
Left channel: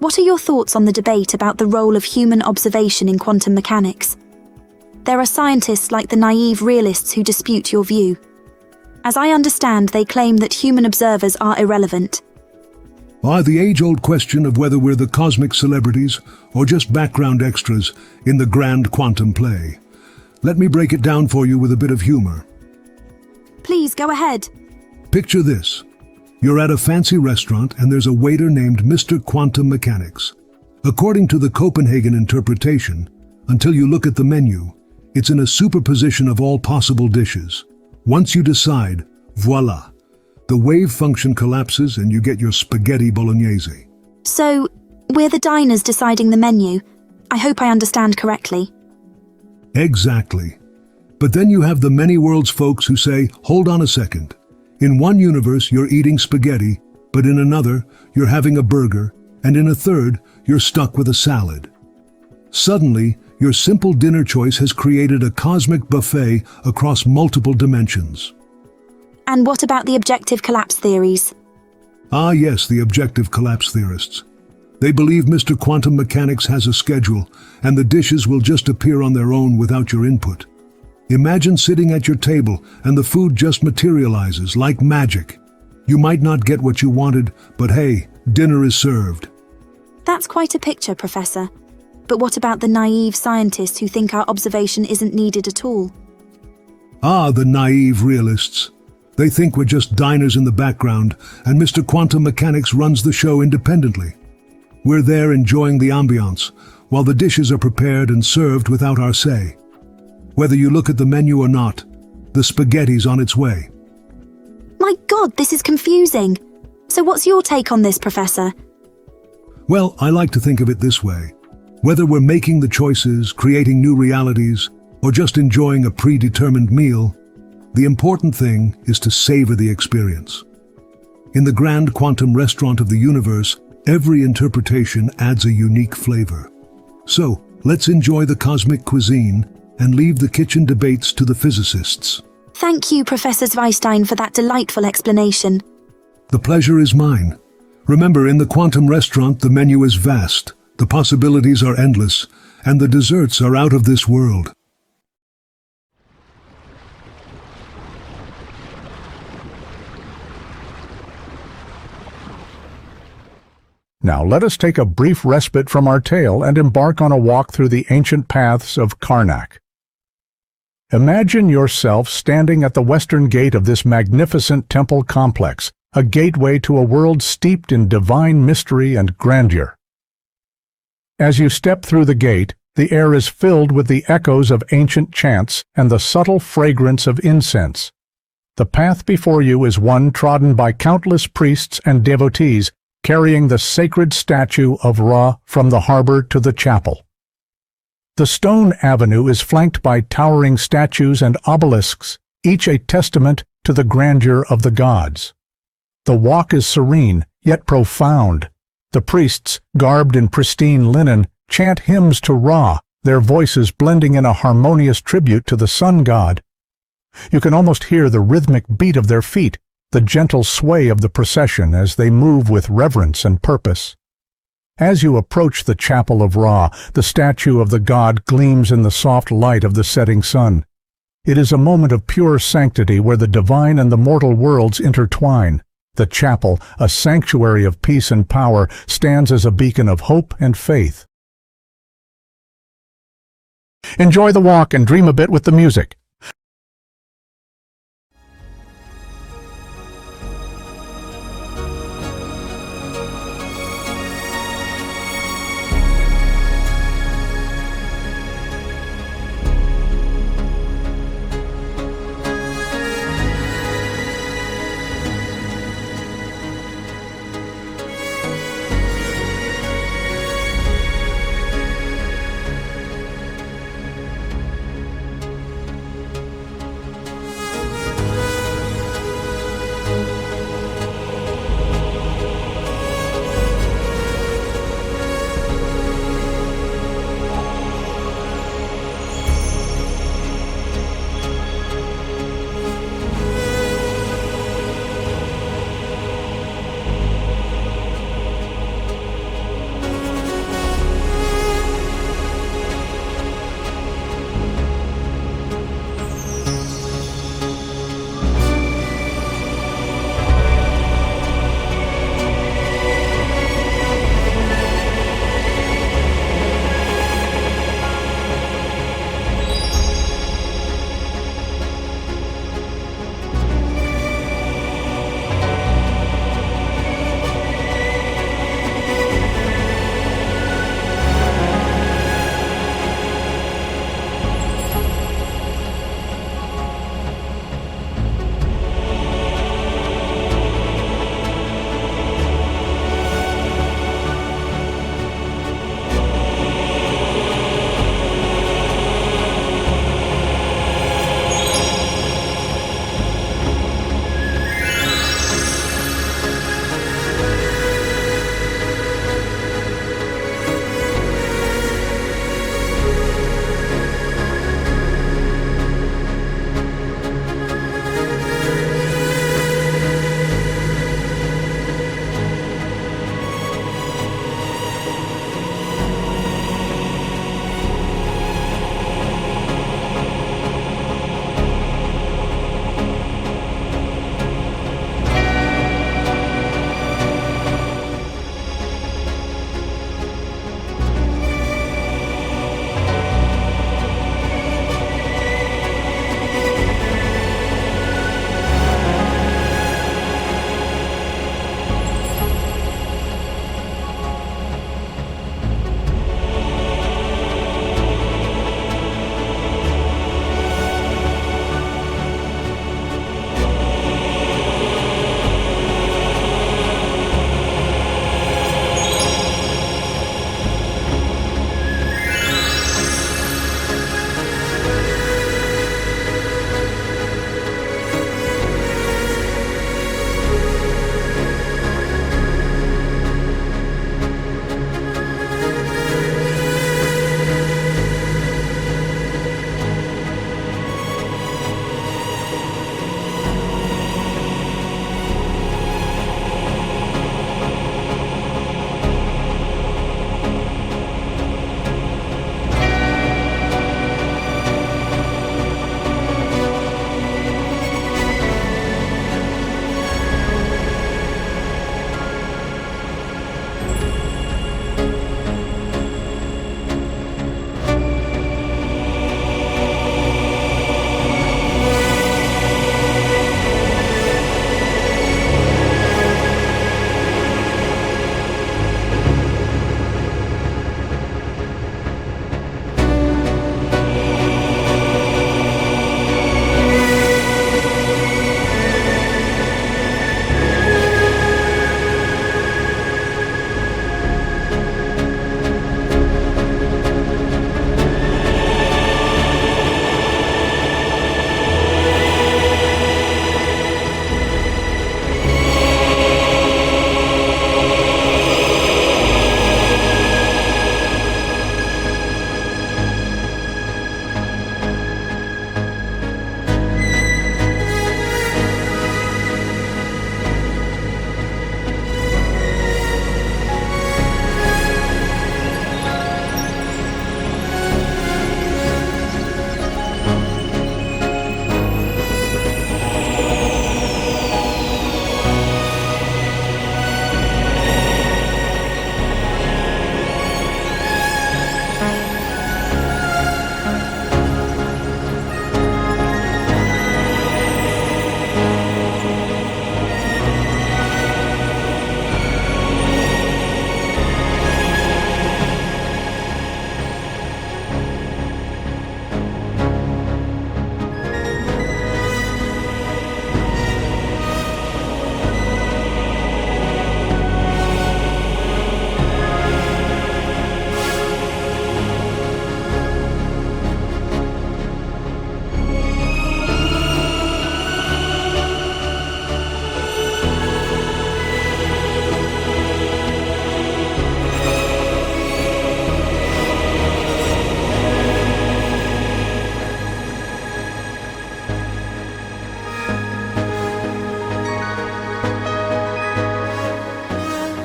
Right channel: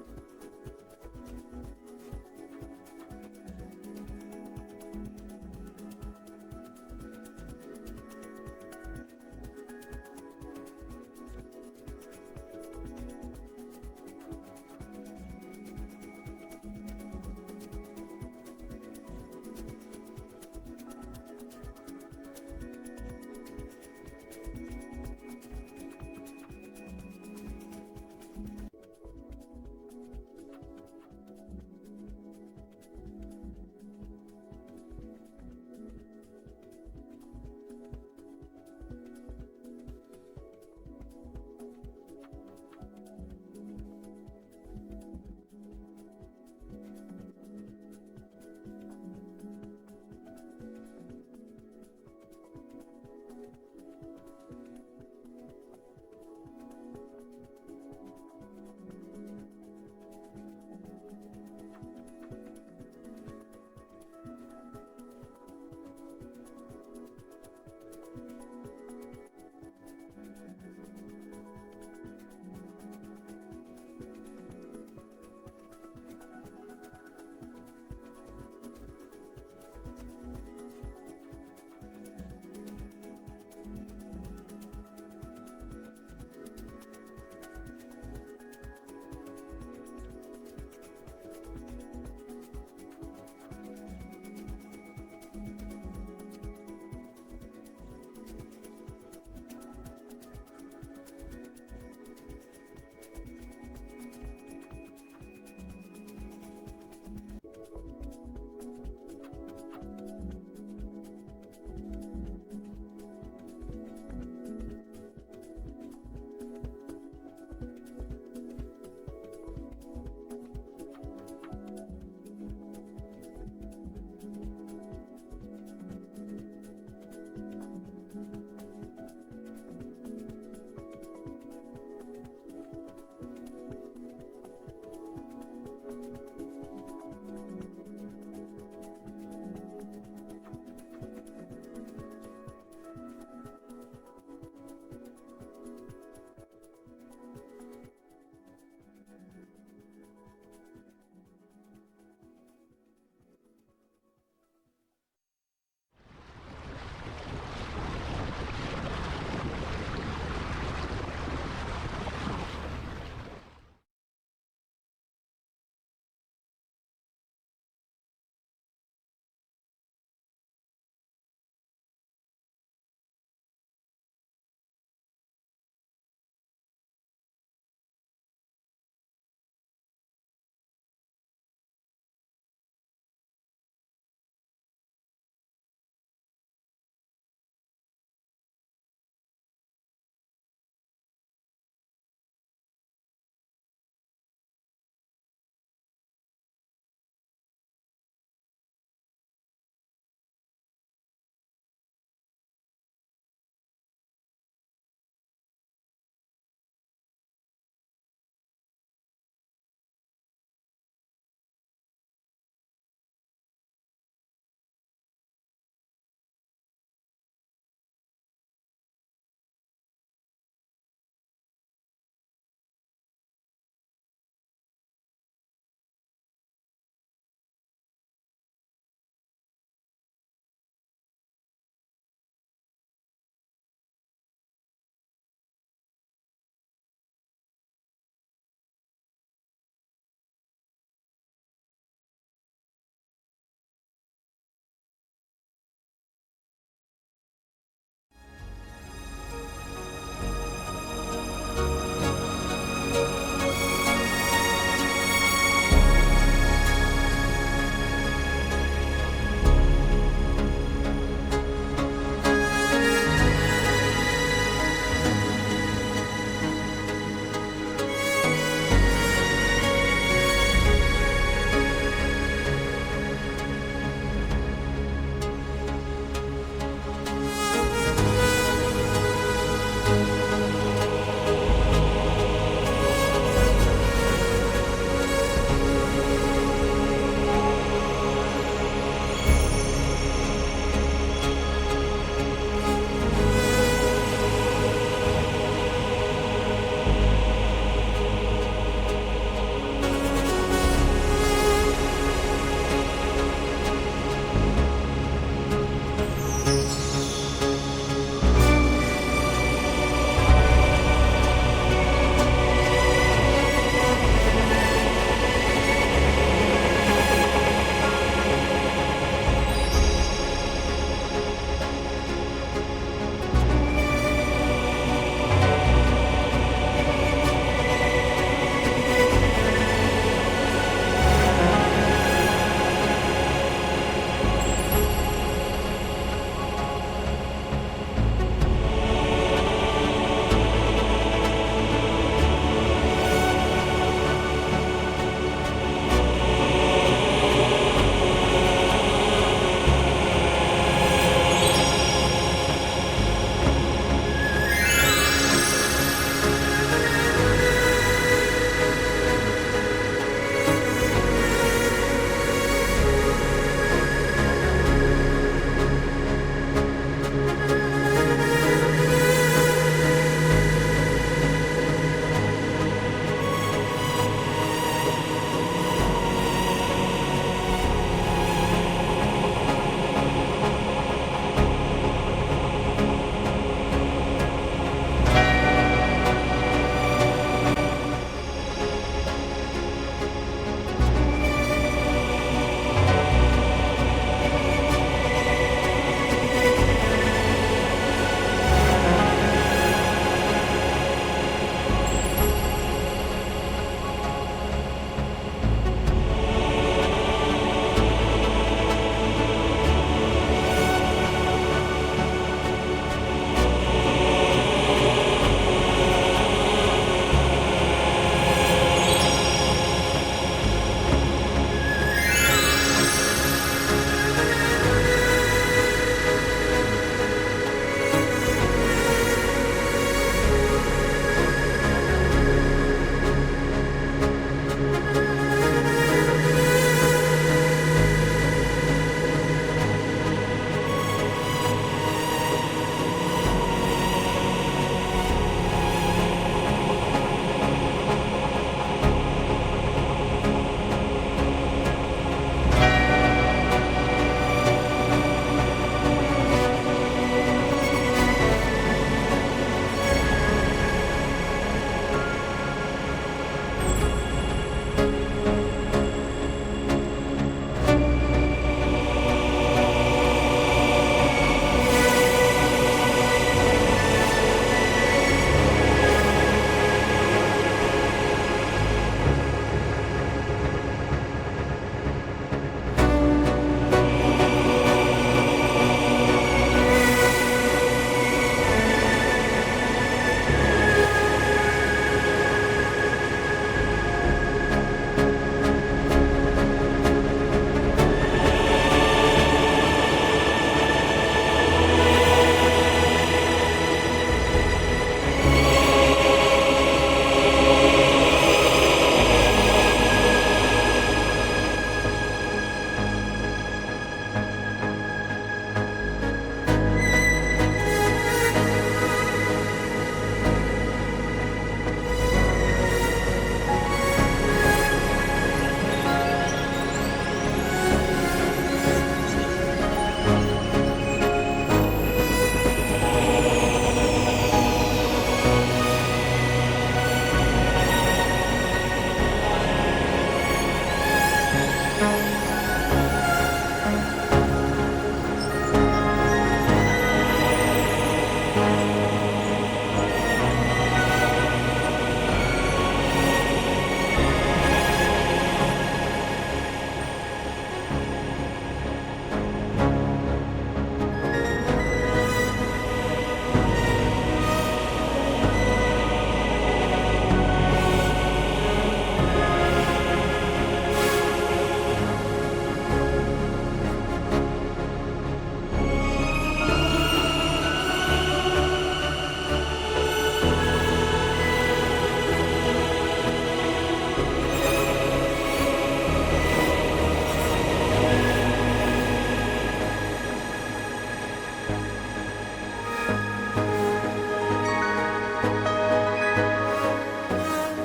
what are your thoughts on the debate about the role of human observation in quantum mechanics? There are scientists like the naive realists who dispute your view. As I understand, they claim that human observers are irrelevant. The age-old question of whether we're the cosmic celebrities or just background extras in the grand quantum play. Let me break it down for you with a bit of humor. Please, go ahead. Picture this. You're at a fancy restaurant and there's a waiter named Mr. Quantum Mechanics. According to the Copenhagen interpretation, until you look at the menu, it's in a superposition of all possible dishes. Once you decide, voila, the wave function collapses and you get your spaghetti bolognese. So, we're the diners deciding the menu. I hope I understand correctly. Exactly. But then you have the many worlds folks who say, hold on a second. In one universe, you're eating spaghetti, but in another, you're having a burger, and in a third, you're stuck with a salad. Suddenly, your simple dinner choice has created a cosmic buffet across multiple dimensions. And what about the objective collapse theories? Yes, the objective collapse theorists. They believe Mr. Quantum Mechanics has a schedule, and the dishes will just appear on their own without your input. Imagine sitting at your table and the food just materializes like magic. You might not get what you wanted, but hey, dinner is served. That's quite a picture, Professor. But what about the naive scientists who think our observation isn't needed at all? The naive realists. They think we're just diners in the background, and Mr. Quantum Mechanics runs the show independently. We're there enjoying the ambiance, while the dishes are prepared and served without our say. Whether you look at the menu or not, the spaghetti's on its way. My God, this is confusing. So what's your take on this, Professor? Well, I like to think of it this way. Whether we're making the choices, creating new realities, or just enjoying a predetermined meal, the important thing is to savor the experience. In the grand quantum restaurant of the universe, every interpretation adds a unique flavor. So, let's enjoy the cosmic cuisine and leave the kitchen debates to the physicists. Thank you, Professor Zweistein, for that delightful explanation. The pleasure is mine. Remember, in the quantum restaurant, the menu is vast, the possibilities are endless, and the desserts are out of this world. Now let us take a brief respite from our tale and embark on a walk through the ancient paths of Karnak. Imagine yourself standing at the western gate of this magnificent temple complex, a gateway to a world steeped in divine mystery and grandeur. As you step through the gate, the air is filled with the echoes of ancient chants and the subtle fragrance of incense. The path before you is one trodden by countless priests and devotees, carrying the sacred statue of Ra from the harbor to the chapel. The stone avenue is flanked by towering statues and obelisks, each a testament to the grandeur of the gods. The walk is serene, yet profound. The priests, garbed in pristine linen, chant hymns to Ra, their voices blending in a harmonious tribute to the sun god. You can almost hear the rhythmic beat of their feet, the gentle sway of the procession as they move with reverence and purpose. As you approach the chapel of Ra, the statue of the god gleams in the soft light of the setting sun. It is a moment of pure sanctity where the divine and the mortal worlds intertwine. The chapel, a sanctuary of peace and power, stands as a beacon of hope and faith. Enjoy the walk and dream a bit with the music.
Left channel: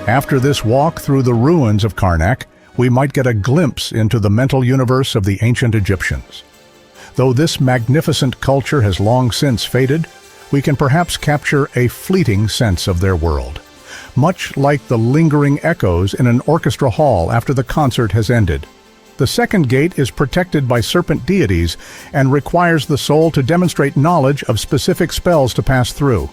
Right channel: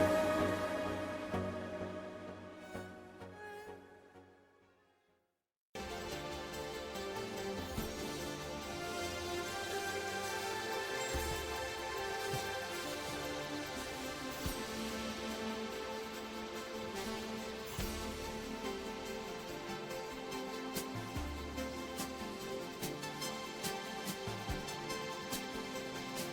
After this walk through the ruins of Karnak, we might get a glimpse into the mental universe of the ancient Egyptians. Though this magnificent culture has long since faded, we can perhaps capture a fleeting sense of their world, much like the lingering echoes in an orchestra hall after the concert has ended. The second gate is protected by serpent deities and requires the soul to demonstrate knowledge of specific spells to pass through.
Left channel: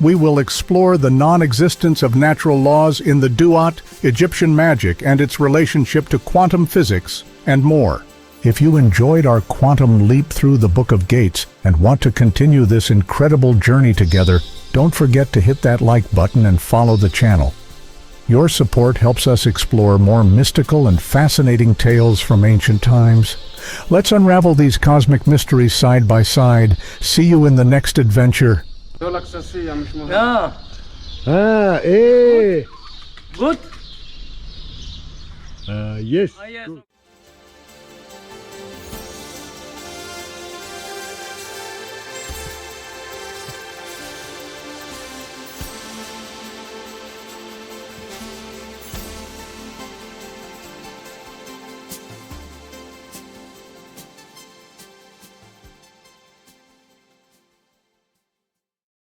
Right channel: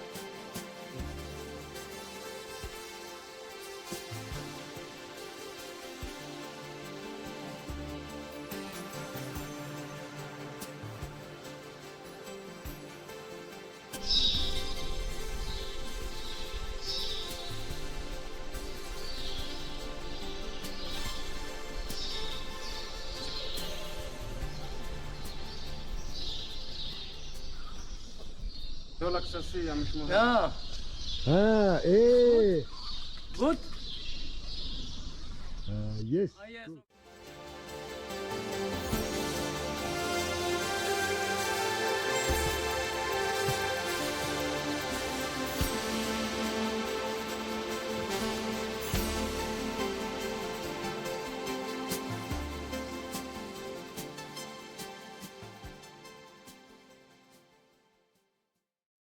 We will explore the non-existence of natural laws in the Duat, Egyptian magic and its relationship to quantum physics, and more. If you enjoyed our quantum leap through the Book of Gates and want to continue this incredible journey together, don't forget to hit that like button and follow the channel. Your support helps us explore more mystical and fascinating tales from ancient times. Let's unravel these cosmic mysteries side by side. See you in the next adventure. Yeah. Good? Good? Yes. Yes.